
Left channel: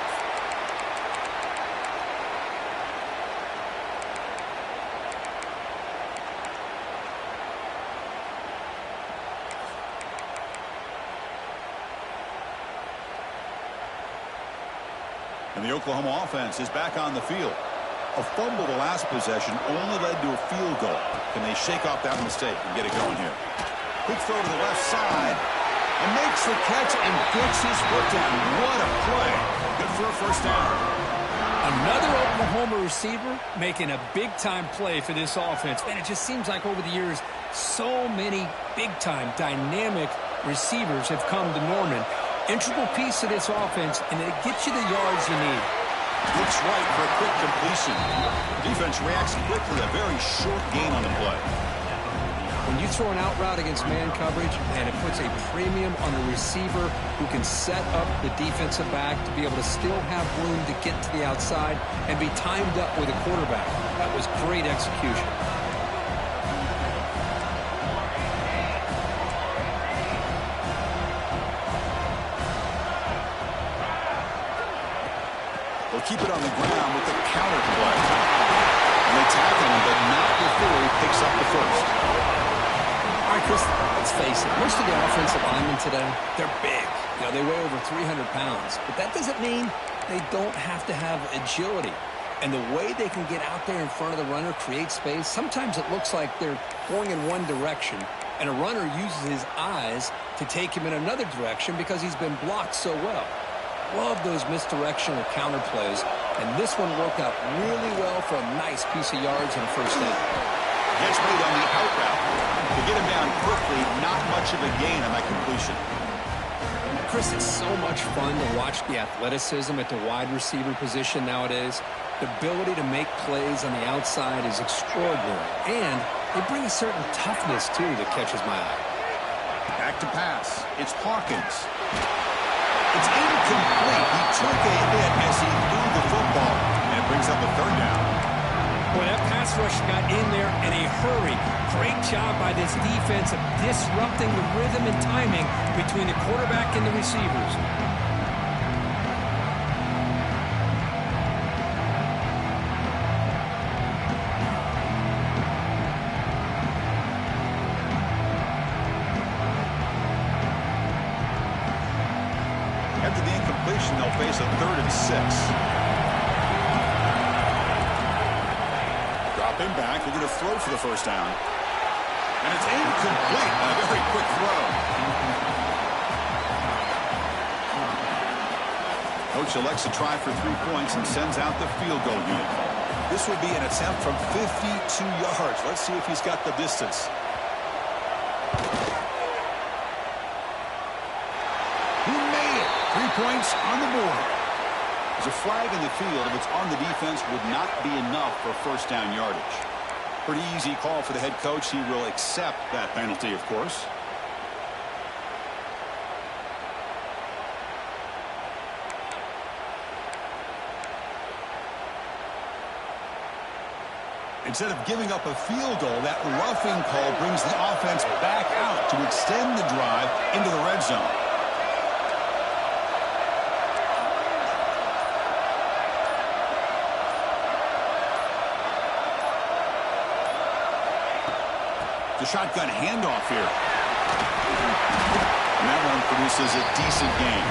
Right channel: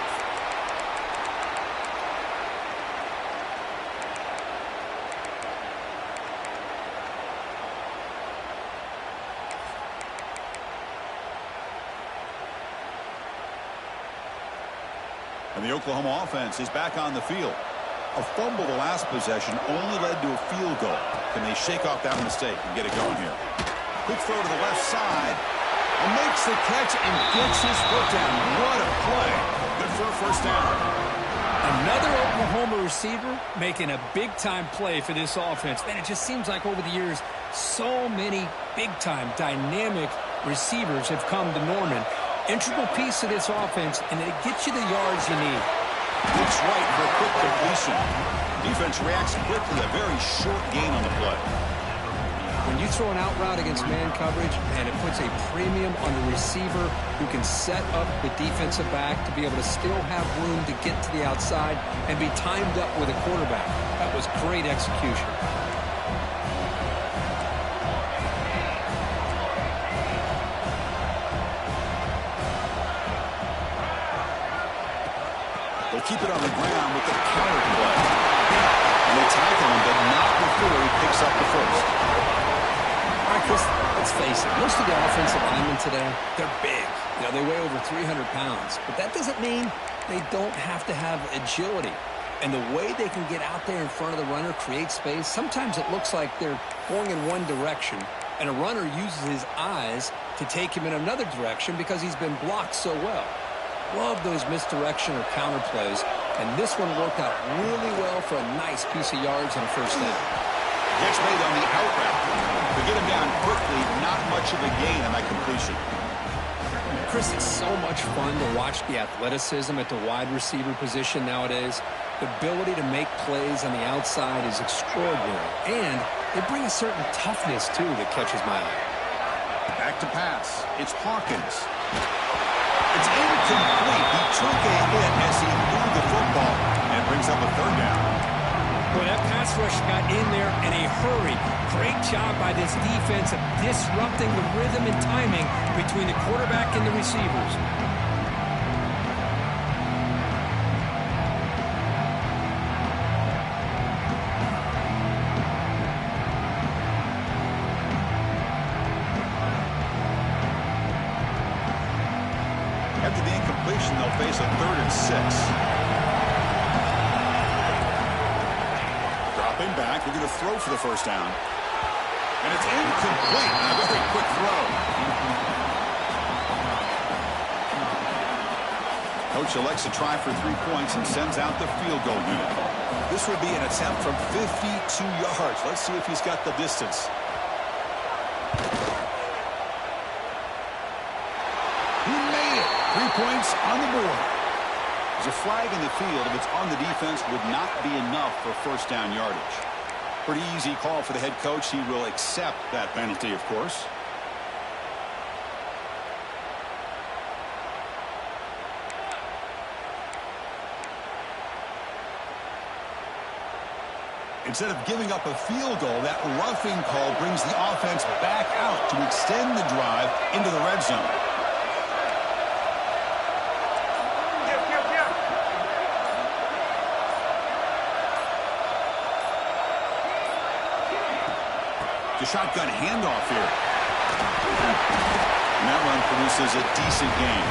And the Oklahoma offense is back on the field. A fumble the last possession only led to a field goal. Can they shake off that mistake and get it going here? Quick throw to the left side. And makes the catch and gets his foot down. What a play. Good for a first down. Another Oklahoma receiver making a big-time play for this offense. Man, it just seems like over the years, so many big-time, dynamic receivers have come to Norman. Integral piece of this offense, and it gets you the yards you need. Looks right for a quick completion. Defense reacts quickly. A very short gain on the play. When you throw an out route against man coverage, and it puts a premium on the receiver who can set up the defensive back to be able to still have room to get to the outside and be timed up with a quarterback. That was great execution. They'll keep it on the ground with the counter play. And they tackle him, but not before he picks up the first. All right, Chris, let's face it. Most of the offensive linemen today, they're big. You know, they weigh over 300 pounds. But that doesn't mean they don't have to have agility. And the way they can get out there in front of the runner, create space, sometimes it looks like they're going in one direction, and a runner uses his eyes to take him in another direction because he's been blocked so well. Love those misdirection or counter plays, and this one worked out really well for a nice piece of yards and a first down. Catch made on the out route. To get him down quickly, not much of a gain on that completion. Chris, it's so much fun to watch the athleticism at the wide receiver position nowadays. The ability to make plays on the outside is extraordinary, and they bring a certain toughness, too, that catches my eye. Back to pass. It's Hawkins. It's incomplete. He took a hit as he threw the football, and it brings up a third down. Boy, that pass rush got in there in a hurry. Great job by this defense of disrupting the rhythm and timing between the quarterback and the receivers. After the incompletion, they'll face a 3rd and 6. Dropping back, looking to throw for the first down. And it's incomplete. And a very quick throw. Coach elects to try for 3 points and sends out the field goal unit. This would be an attempt from 52 yards. Let's see if he's got the distance. He made it. 3 points on the board. There's a flag in the field. If it's on the defense, would not be enough for first down yardage. Pretty easy call for the head coach. He will accept that penalty, of course. Instead of giving up a field goal, that roughing call brings the offense back out to extend the drive into the red zone. The shotgun handoff here. And that run produces a decent gain.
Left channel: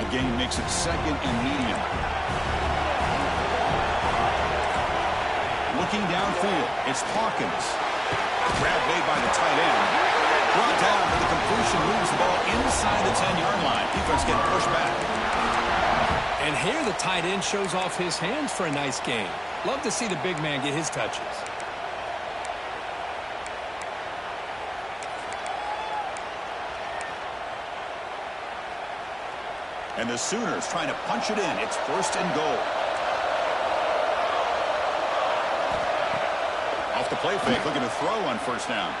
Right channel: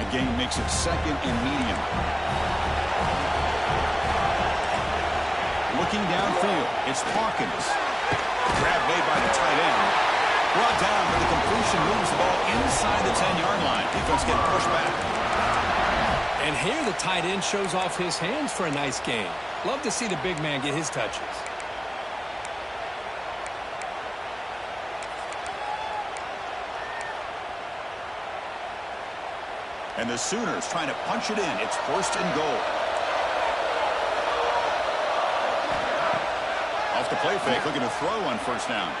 A gain makes it 2nd and medium. Looking downfield, it's Hawkins. Grab made by the tight end. Brought down, but the completion moves the ball inside the 10-yard line. Defense getting pushed back. And here the tight end shows off his hands for a nice gain. Love to see the big man get his touches. And the Sooners trying to punch it in. It's 1st and goal. Off the play fake, looking to throw on 1st down.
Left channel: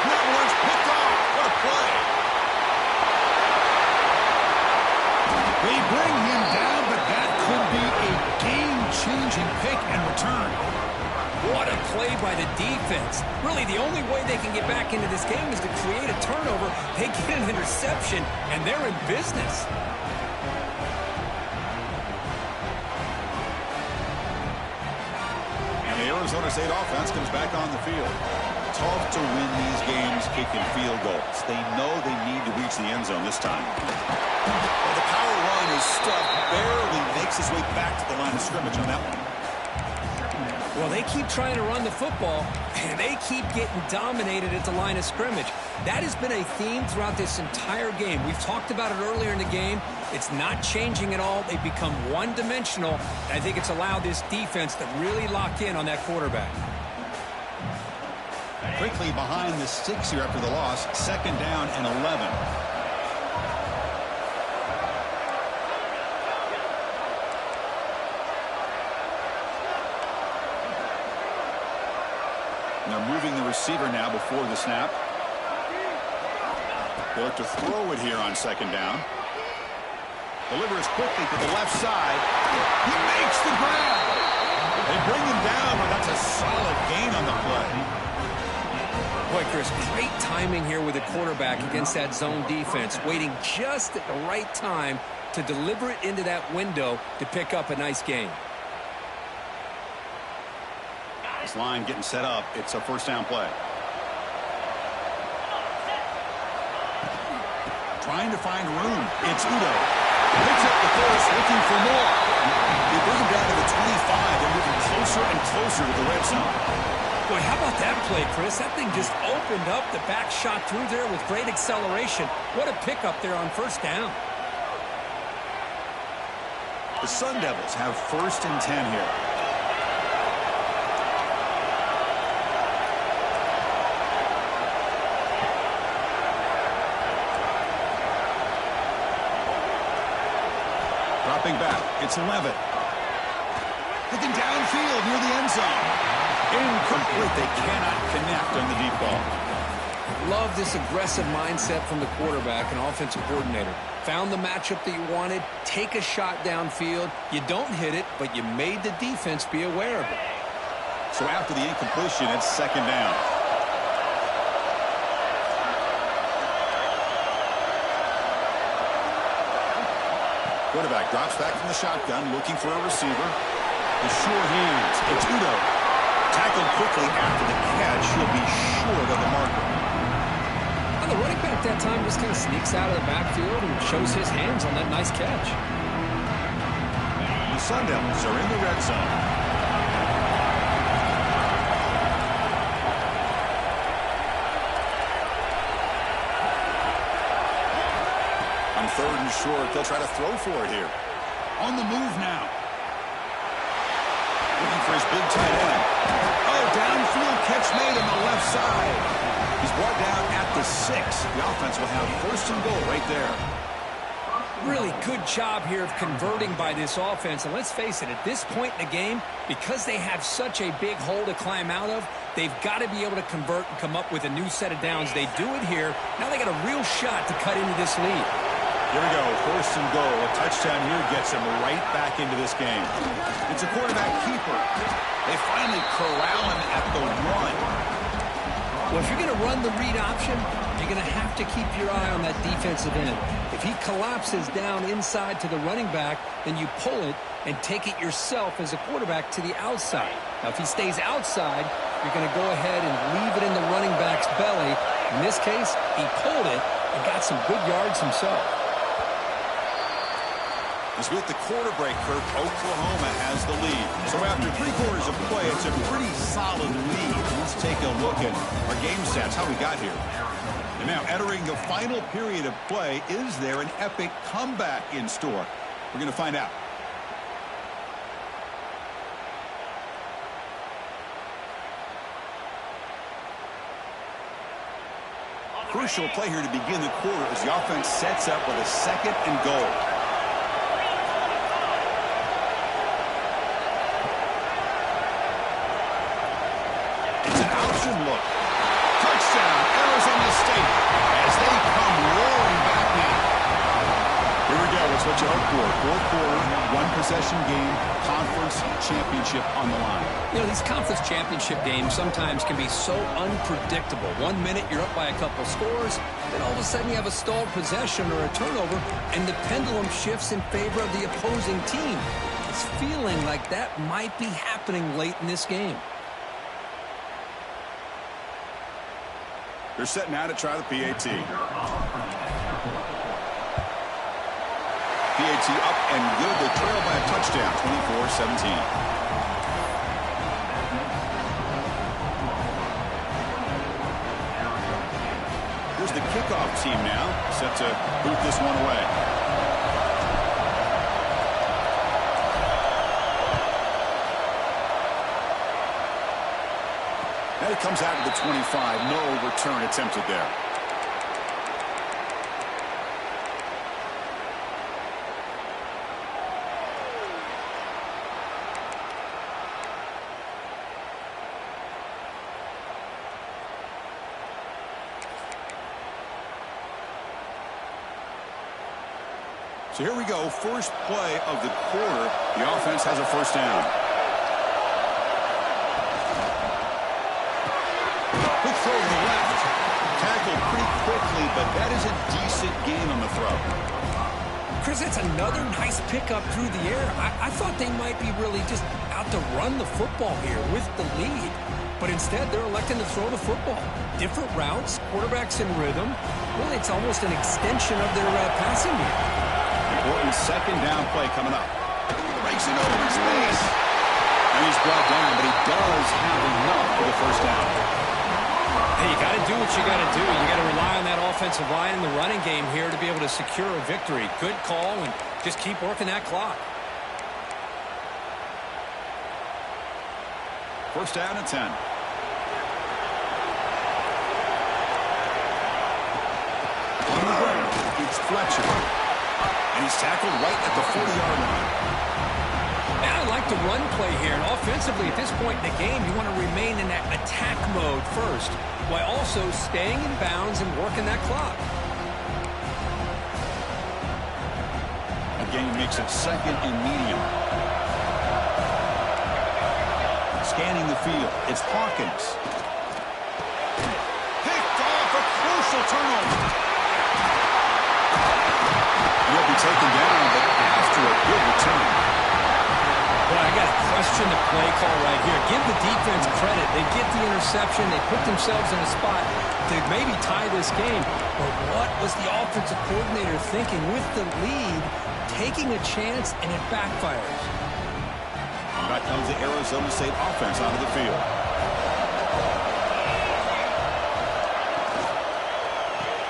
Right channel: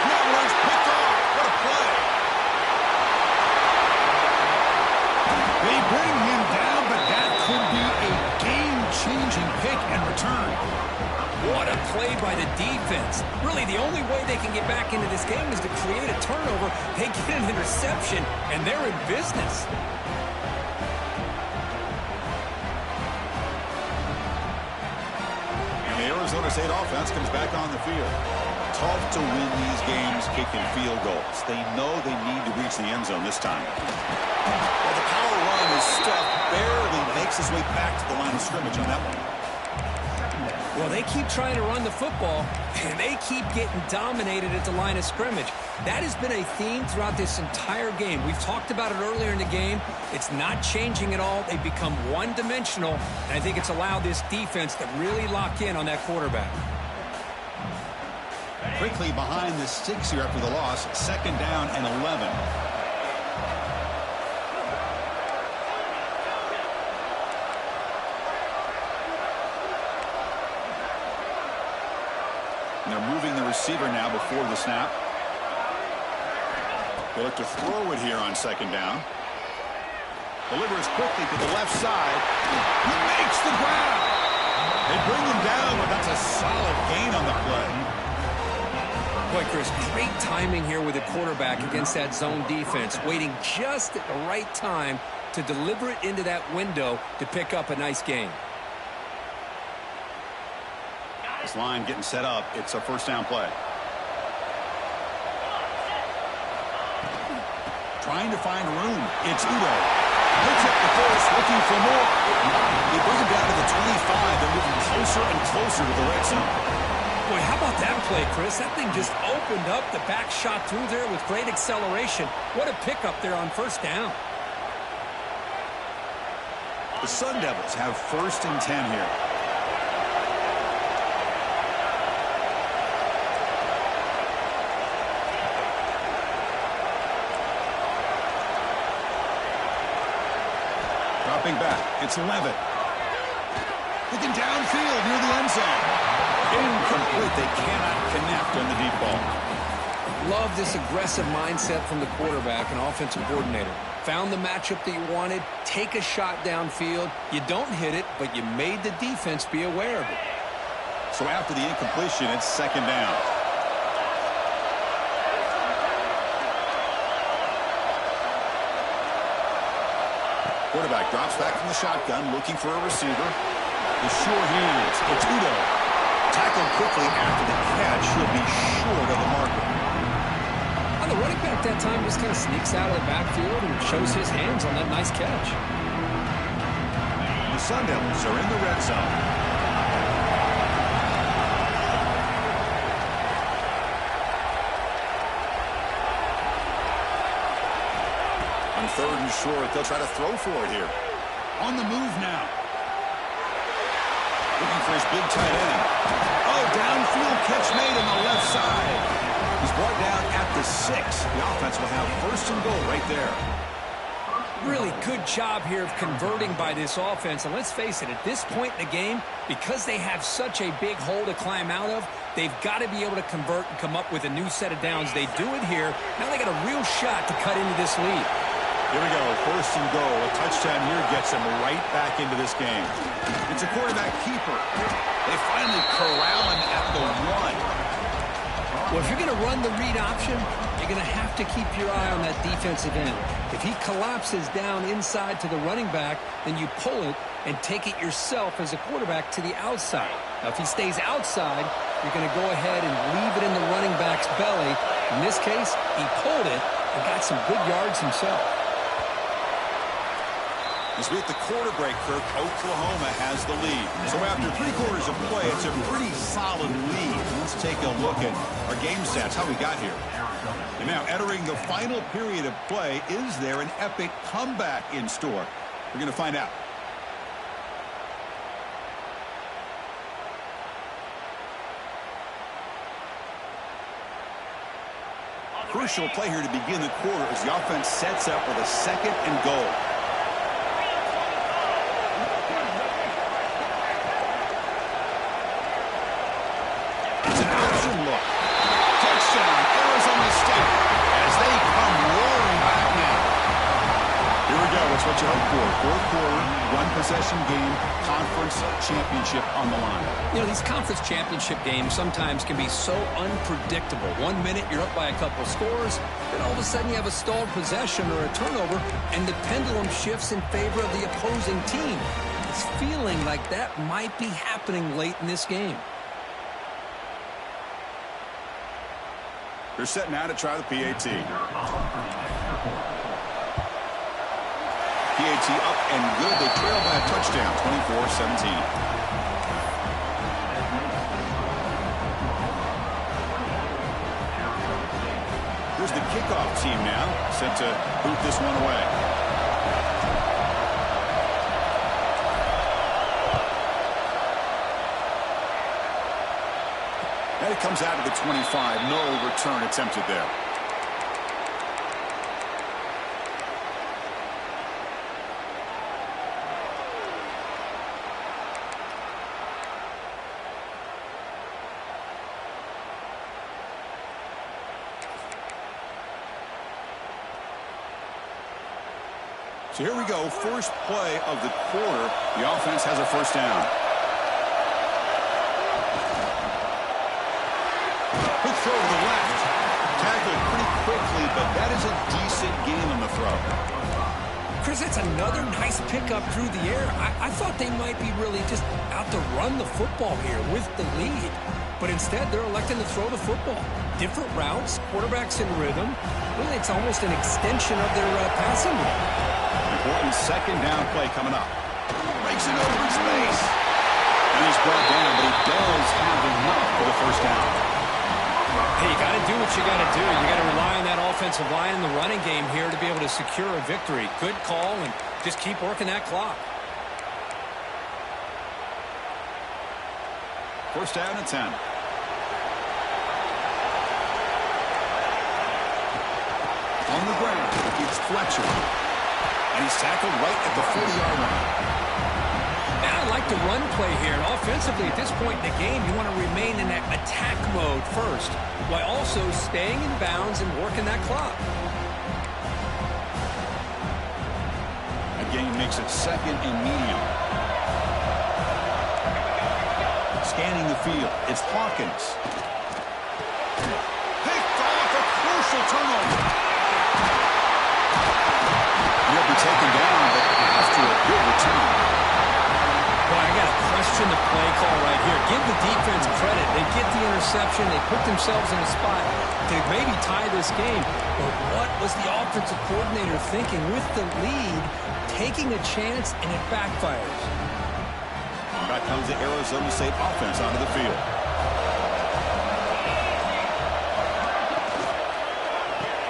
And that one's picked off. What a play. They bring him down, but that could be a game-changing pick and return. What a play by the defense. Really, the only way they can get back into this game is to create a turnover. They get an interception, and they're in business. And the Arizona State offense comes back on the field. Tough to win these games kicking field goals. They know they need to reach the end zone this time. Well, the power run is stuffed, barely makes his way back to the line of scrimmage on that one. Well, they keep trying to run the football, and they keep getting dominated at the line of scrimmage. That has been a theme throughout this entire game. We've talked about it earlier in the game. It's not changing at all. They've become one-dimensional, and I think it's allowed this defense to really lock in on that quarterback. Quickly behind the sticks here after the loss, 2nd down and 11. And they're moving the receiver now before the snap. They look to throw it here on 2nd down. Delivers quickly to the left side. He makes the grab. They bring him down, but that's a solid gain on the play. Boy, Chris, great timing here with the quarterback against that zone defense, waiting just at the right time to deliver it into that window to pick up a nice gain. This line getting set up. It's a 1st down play. Trying to find room. It's Udo. Picks up the force, looking for more. They bring him down to the 25. They're moving closer and closer to the red zone. Boy, how about that play, Chris? That thing just opened up. The back shot through there with great acceleration. What a pickup there on 1st down. The Sun Devils have 1st and 10 here. Dropping back. It's Levitt. Looking downfield near the end zone. Incomplete. They cannot connect on the deep ball. Love this aggressive mindset from the quarterback and offensive coordinator. Found the matchup that you wanted. Take a shot downfield. You don't hit it, but you made the defense be aware of it. So after the incompletion, it's 2nd down. Quarterback drops back from the shotgun, looking for a receiver. The sure hands. It's Udo. Tackled quickly after the catch. He'll be short of the marker. And the running back that time just kind of sneaks out of the backfield and shows his hands on that nice catch. The Sun Devils are in the red zone. On 3rd and short, they'll try to throw for it here. On the move now. Looking for his big tight end. Oh, downfield catch made on the left side. He's brought down at the 6. The offense will have 1st and goal right there. Really good job here of converting by this offense. And let's face it, at this point in the game, because they have such a big hole to climb out of, they've got to be able to convert and come up with a new set of downs. They do it here. Now they got a real shot to cut into this lead. Here we go, 1st and goal. A touchdown here gets them right back into this game. It's a quarterback keeper. They finally corral him at the 1. Well, if you're going to run the read option, you're going to have to keep your eye on that defensive end. If he collapses down inside to the running back, then you pull it and take it yourself as a quarterback to the outside. Now, if he stays outside, you're going to go ahead and leave it in the running back's belly. In this case, he pulled it and got some good yards himself. As we hit the quarter break, Kirk, Oklahoma has the lead. So after 3 quarters of play, it's a pretty solid lead. Let's take a look at our game stats, how we got here. And now entering the final period of play, is there an epic comeback in store? We're going to find out. Crucial play here to begin the quarter as the offense sets up with a 2nd and goal. It's an option look. Touchdown, Arizona State, as they come roaring back now. Here we go. It's what you hope for. 4th quarter, 1-possession game, conference championship on the line. You know, these conference championship games sometimes can be so unpredictable. 1 minute you're up by a couple scores, then all of a sudden you have a stalled possession or a turnover, and the pendulum shifts in favor of the opposing team. It's feeling like that might be happening late in this game. They're setting out to try the PAT. PAT up and good. They trail by a touchdown, 24-17. Here's the kickoff team now, set to boot this one away. And it comes out to the 25. No return attempted there. So here we go, first play of the quarter. The offense has a first down. Quick throw to the left. Tackled pretty quickly, but that is a decent gain on the throw. Chris, that's another nice pickup through the air. I thought they might be really just out to run the football here with the lead. But instead, they're electing to throw the football. Different routes, quarterbacks in rhythm. Really, it's almost an extension of their passing game. Important 2nd down play coming up. Breaks it over in space. And he's brought down, but he does have enough for the first down. Hey, you got to do what you got to do. You got to rely on that offensive line and the running game here to be able to secure a victory. Good call, and just keep working that clock. First down and 10. On the ground, it's Fletcher. And he's tackled right at the 40-yard line. Now I like the run play here. And offensively, at this point in the game, you want to remain in that attack mode first, while also staying in bounds and working that clock. Again, makes it 2nd and medium. Scanning the field, it's Hawkins. Picked off, a crucial turnover. He'll be taken down, but after a good return. Boy, I got to question the play call right here. Give the defense credit. They get the interception. They put themselves in a spot to maybe tie this game. But what was the offensive coordinator thinking with the lead, taking a chance, and it backfires? Back comes the Arizona State offense onto the field.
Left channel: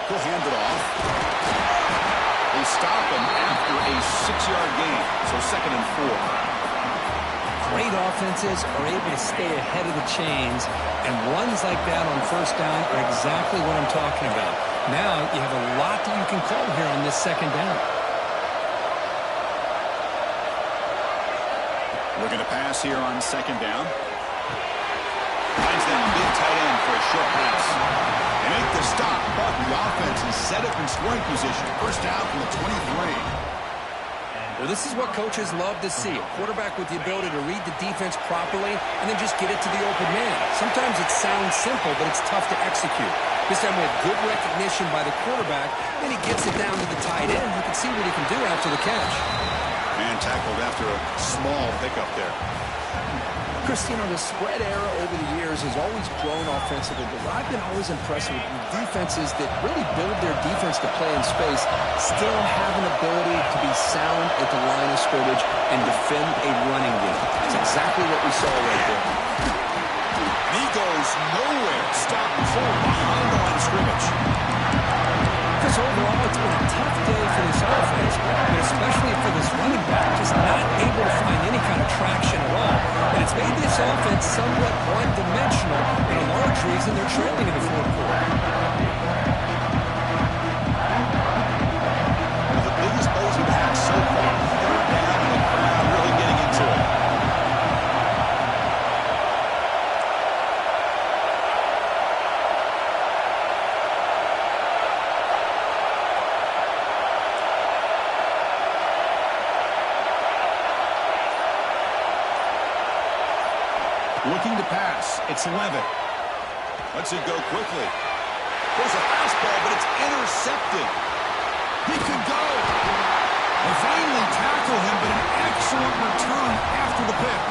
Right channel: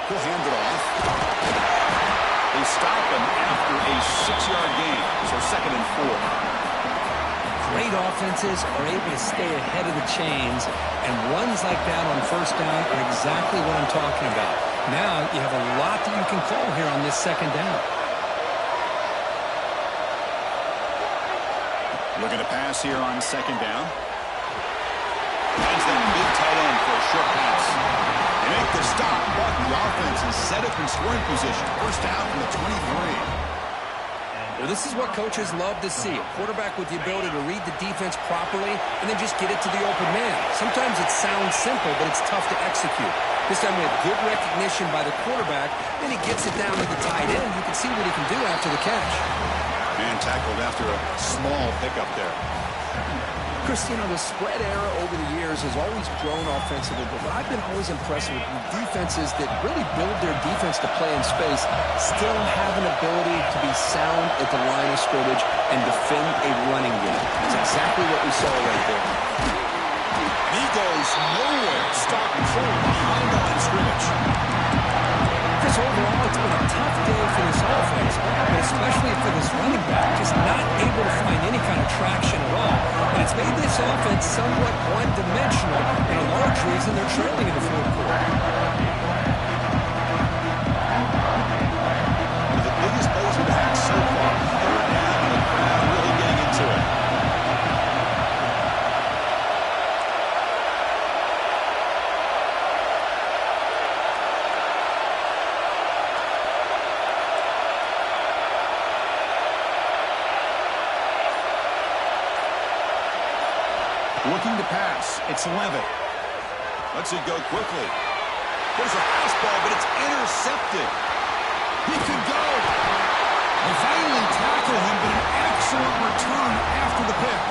He'll hand it off. They stop him after a 6-yard gain, so 2nd and 4. Great offenses are able to stay ahead of the chains, and runs like that on first down are exactly what I'm talking about. Now you have a lot that you can call here on this 2nd down. Looking to pass here on 2nd down. Finds that big tight end for a short pass. They make the stop, but the offense is set up in scoring position. First down from the 23. Well, this is what coaches love to see. A quarterback with the ability to read the defense properly and then just get it to the open man. Sometimes it sounds simple, but it's tough to execute. This time we have good recognition by the quarterback. Then he gets it down to the tight end. You can see what he can do after the catch. Man tackled after a small pickup there. Chris, you know, the spread era over the years has always grown offensively, but what I've been always impressed with defenses that really build their defense to play in space still have an ability to be sound at the line of scrimmage and defend a running game. That's exactly what we saw right there. And he goes nowhere. Stop and pull behind the line of scrimmage. Chris, overall, it's been a tough day for this offense, but especially for this running back, just not able to find any kind of traction at all. And it's made this offense somewhat one-dimensional, and a large reason they're trailing in the 4th quarter. Looking to pass. It's Levitt. Lets it go quickly. There's a fastball, but it's intercepted. He could go. They finally tackle him, but an excellent return after the pick.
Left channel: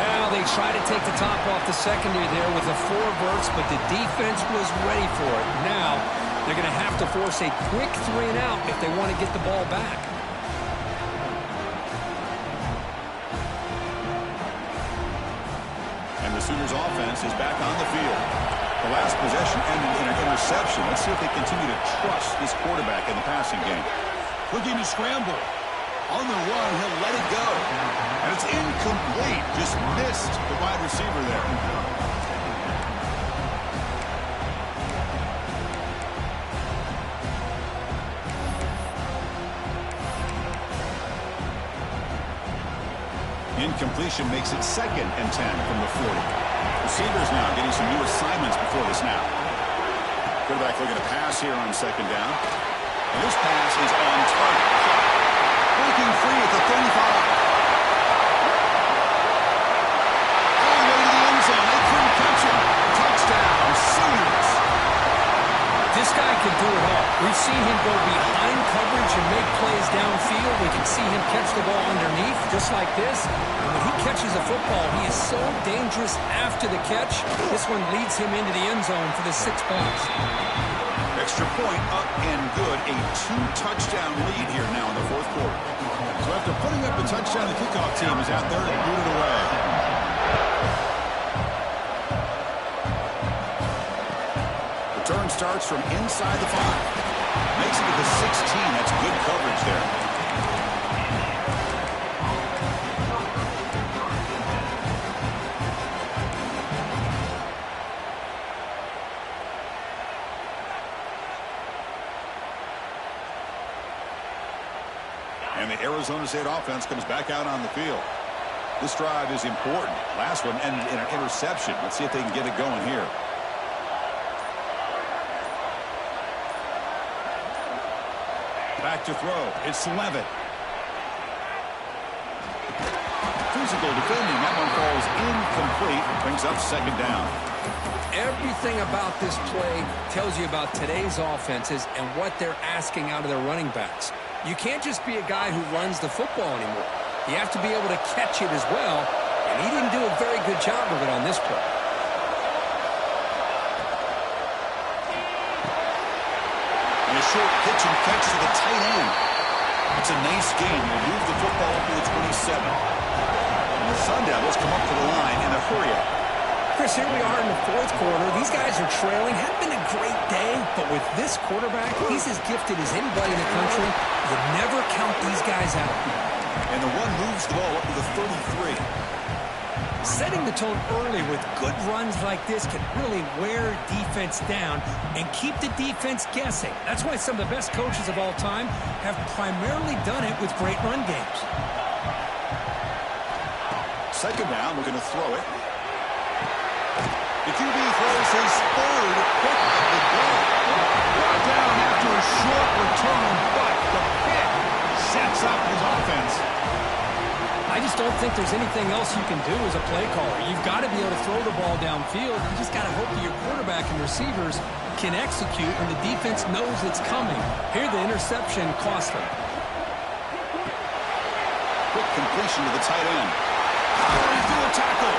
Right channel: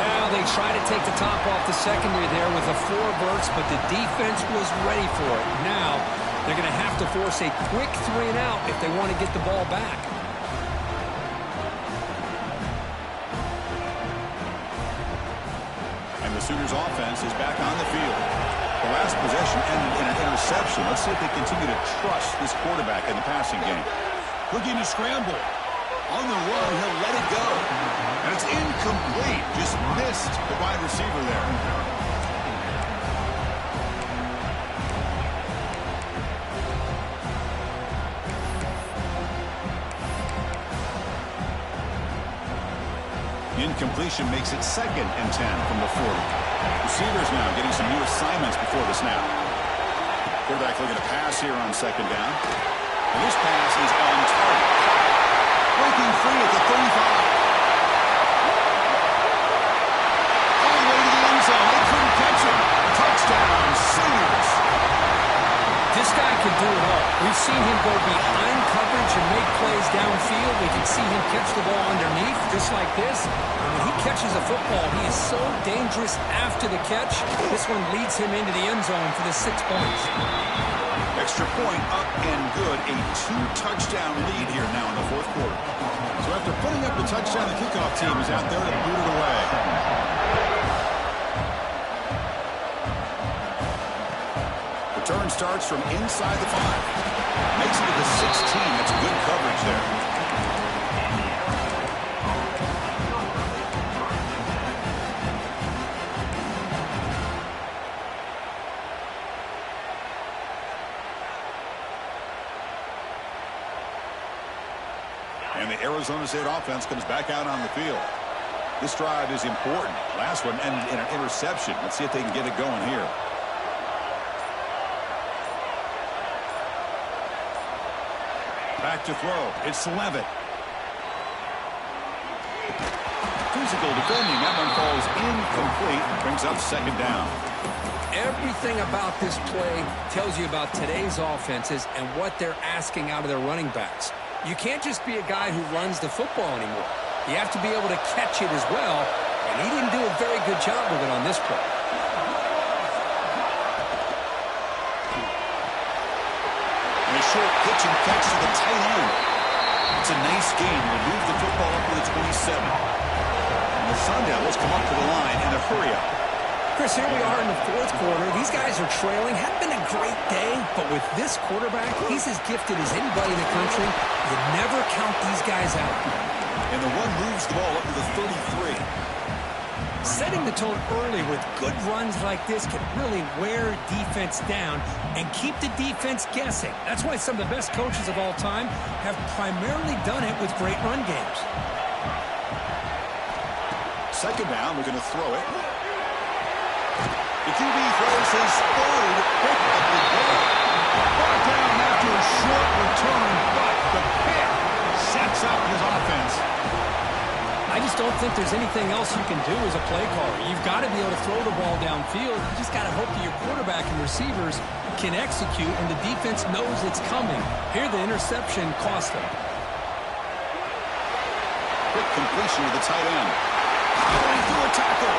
Now they try to take the top off the secondary there with the 4 verts, but the defense was ready for it. Now they're going to have to force a quick 3 and out if they want to get the ball back. And the Sooners offense is back on the field. The last possession ended in an interception. Let's see if they continue to trust this quarterback in the passing game. Looking to scramble. On the run, he'll let it go. And it's incomplete. Just missed the wide receiver there. Incompletion makes it 2nd and 10 from the 40. Receivers now getting some new assignments before the snap. Quarterback looking to pass here on 2nd down. And this pass is on target. Caught. Breaking free at the 35. All the way to the end zone. They couldn't catch him. Touchdown, Sooners. This guy can do it all. We've seen him go behind coverage and make plays downfield. We can see him catch the ball underneath, just like this. And when he catches a football, he is so dangerous after the catch. This one leads him into the end zone for the 6 points. Extra point up and good. A 2-touchdown lead here now in the 4th quarter. So after putting up the touchdown, the kickoff team is out there to boot it away. Return starts from inside the 5. Makes it to the 16. That's good coverage there. And the Arizona State offense comes back out on the field. This drive is important. Last one ended in an interception. Let's see if they can get it going here. Back to throw. It's Levitt. Physical defending. That one falls incomplete. Brings up 2nd down. Everything about this play tells you about today's offenses and what they're asking out of their running backs. You can't just be a guy who runs the football anymore. You have to be able to catch it as well, and he didn't do a very good job of it on this play. And a short pitch and catch to the tight end. It's a nice game. We'll move the football up to the 27. And the Sun Devils come up to the line in a hurry-up. Chris, here we are in the 4th quarter. These guys are trailing. Hadn't been a great day, but with this quarterback, he's as gifted as anybody in the country. You never count these guys out. And the one moves the ball up to the 33. Setting the tone early with good runs like this can really wear defense down and keep the defense guessing. That's why some of the best coaches of all time have primarily done it with great run games. 2nd down, we're going to throw it. The QB throws his 3rd pick of the day. Brought down after a short return, but the pick sets up his offense. I just don't think there's anything else you can do as a play caller. You've got to be able to throw the ball downfield. You just got to hope that your quarterback and receivers can execute and the defense knows it's coming. Here the interception cost them. Quick completion to the tight end. Powering through a tackle.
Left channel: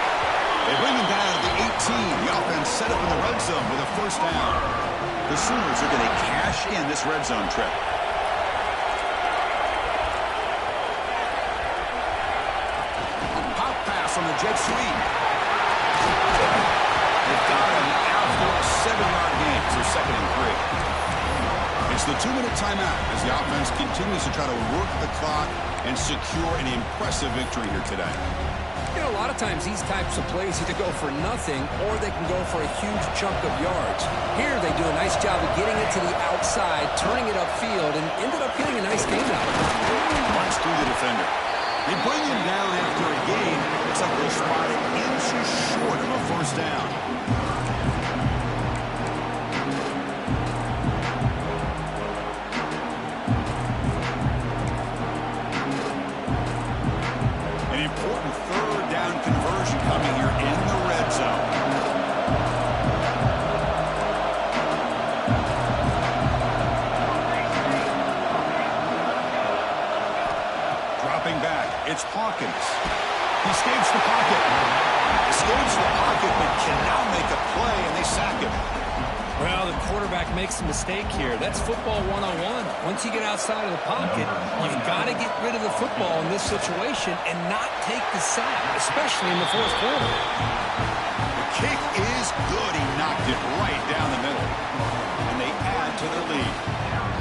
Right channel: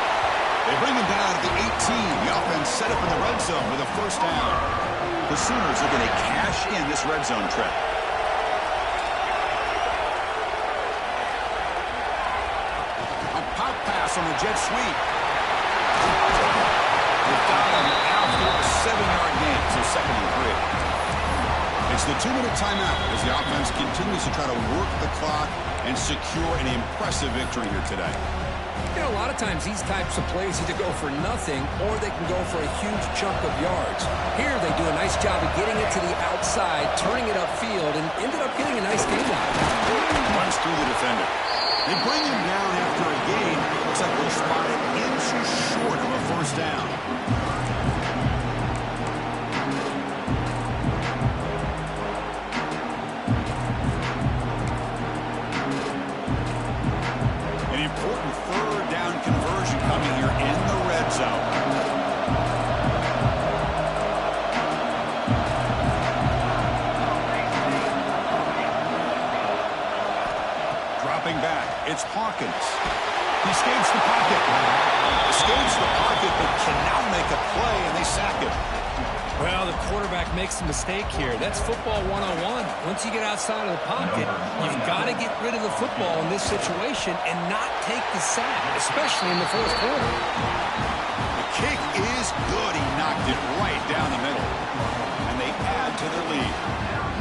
They bring him down to the 18. The offense set up in the red zone with a 1st down. The Sooners are going to cash in this red zone trip. A pop pass on the jet sweep. They've got him after a 7-yard gain, so 2nd and 3. It's the 2-minute timeout as the offense continues to try to work the clock and secure an impressive victory here today. You know, a lot of times these types of plays either go for nothing or they can go for a huge chunk of yards. Here they do a nice job of getting it to the outside, turning it upfield, and ended up getting a nice gain out of it. Runs through the defender. They bring him down after a gain. Looks like they'll spot it inches short of a 1st down. An important 3rd down conversion coming Dropping back, it's Hawkins. He escapes the pocket. Escapes the pocket, but cannot make a play, and they sack him. Well, the quarterback makes a mistake here. That's football 101. Once you get outside of the pocket, you've got to get rid of the football in this situation and not take the sack, especially in the fourth quarter. The kick is good. He knocked it right down the middle. And they add to their lead.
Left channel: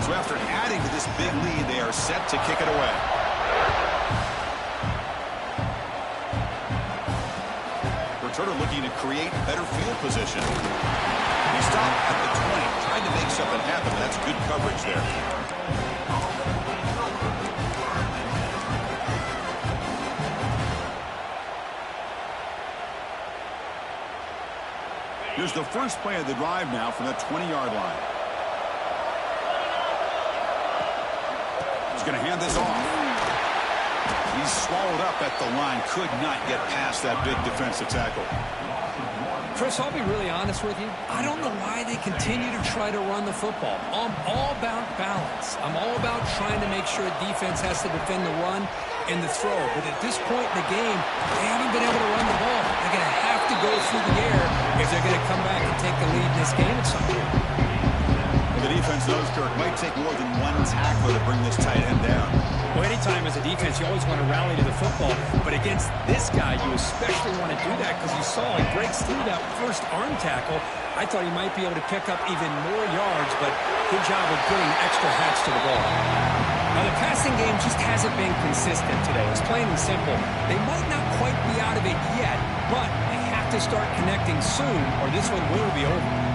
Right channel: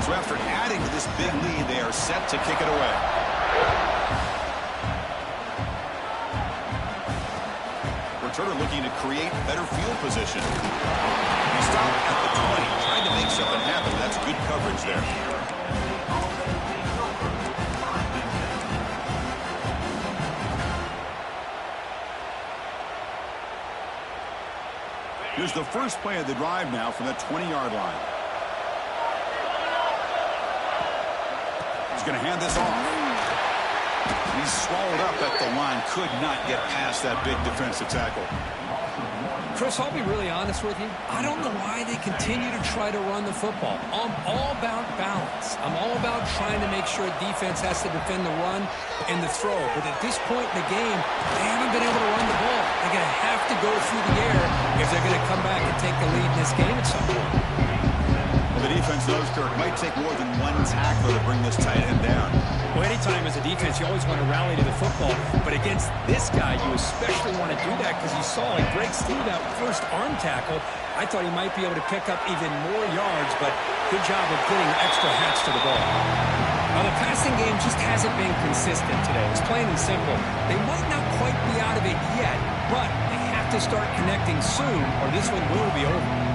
So after adding to this big lead, they are set to kick it away. Returner looking to create better field position. He stopped at the 20, tried to make something happen, but that's good coverage there. Here's the first play of the drive now from the 20-yard line. He's going to hand this off. He's swallowed up at the line, could not get past that big defensive tackle. Chris, I'll be really honest with you. I don't know why they continue to try to run the football. I'm all about balance. I'm all about trying to make sure a defense has to defend the run and the throw. But at this point in the game, they haven't been able to run the ball. They're going to have to go through the air if they're going to come back and take the lead in this game at some point. Well, the defense knows, Kirk, might take more than one tackler to bring this tight end down. Well, anytime as a defense, you always want to rally to the football. But against this guy, you especially want to do that because you saw he breaks through that first arm tackle. I thought he might be able to pick up even more yards, but good job of getting extra hats to the ball. Now, the passing game just hasn't been consistent today. It's plain and simple. They might not quite be out of it yet, but they have to start connecting soon or this one will be over.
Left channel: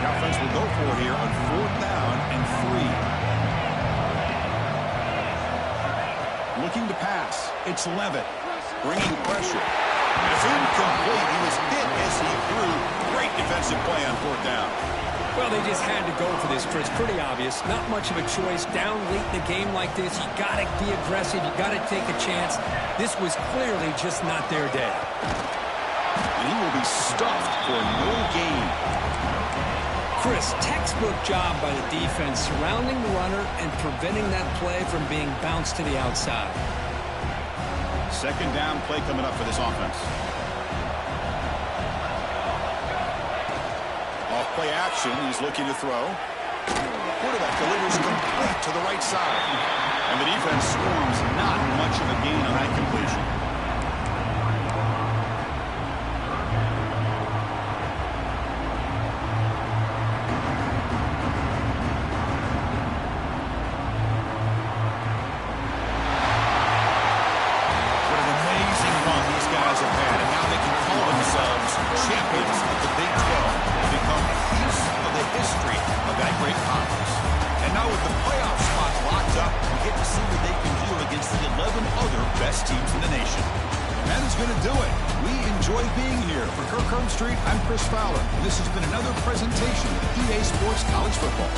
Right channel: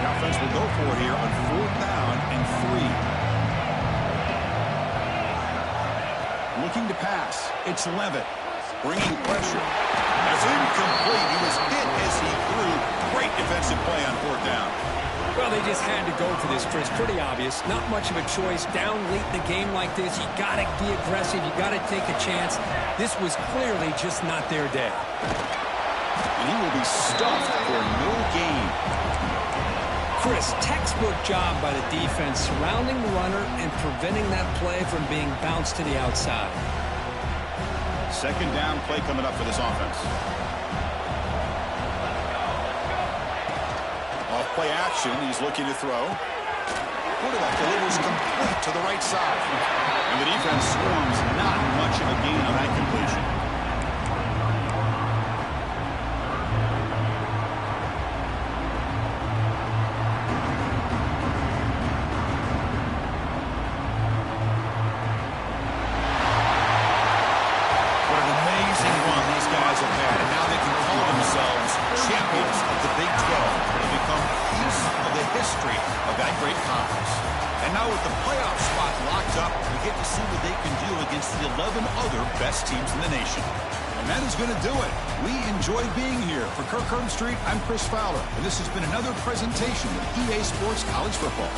The offense will go for it here on 4th down and 3. Looking to pass. It's Levitt. Bringing pressure. It's incomplete. He was hit as he threw. Great defensive play on 4th down. Well, they just had to go for this, Chris. Pretty obvious. Not much of a choice. Down late in the game like this, you got to be aggressive. You got to take a chance. This was clearly just not their day. And he will be stuffed for no gain. Chris, textbook job by the defense surrounding the runner and preventing that play from being bounced to the outside. 2nd down play coming up for this offense. Off play action, he's looking to throw. Quarterback delivers complete to the right side. And the defense swarms, not much of a gain on that completion. Champions of the Big 12 have become a piece of the history of that great conference. And now with the playoff spot locked up, we get to see what they can do against the 11 other best teams in the nation. And that is going to do it. We enjoy being here. For Kirk Herbstreit, I'm Chris Fowler, and this has been another presentation of EA Sports College Football.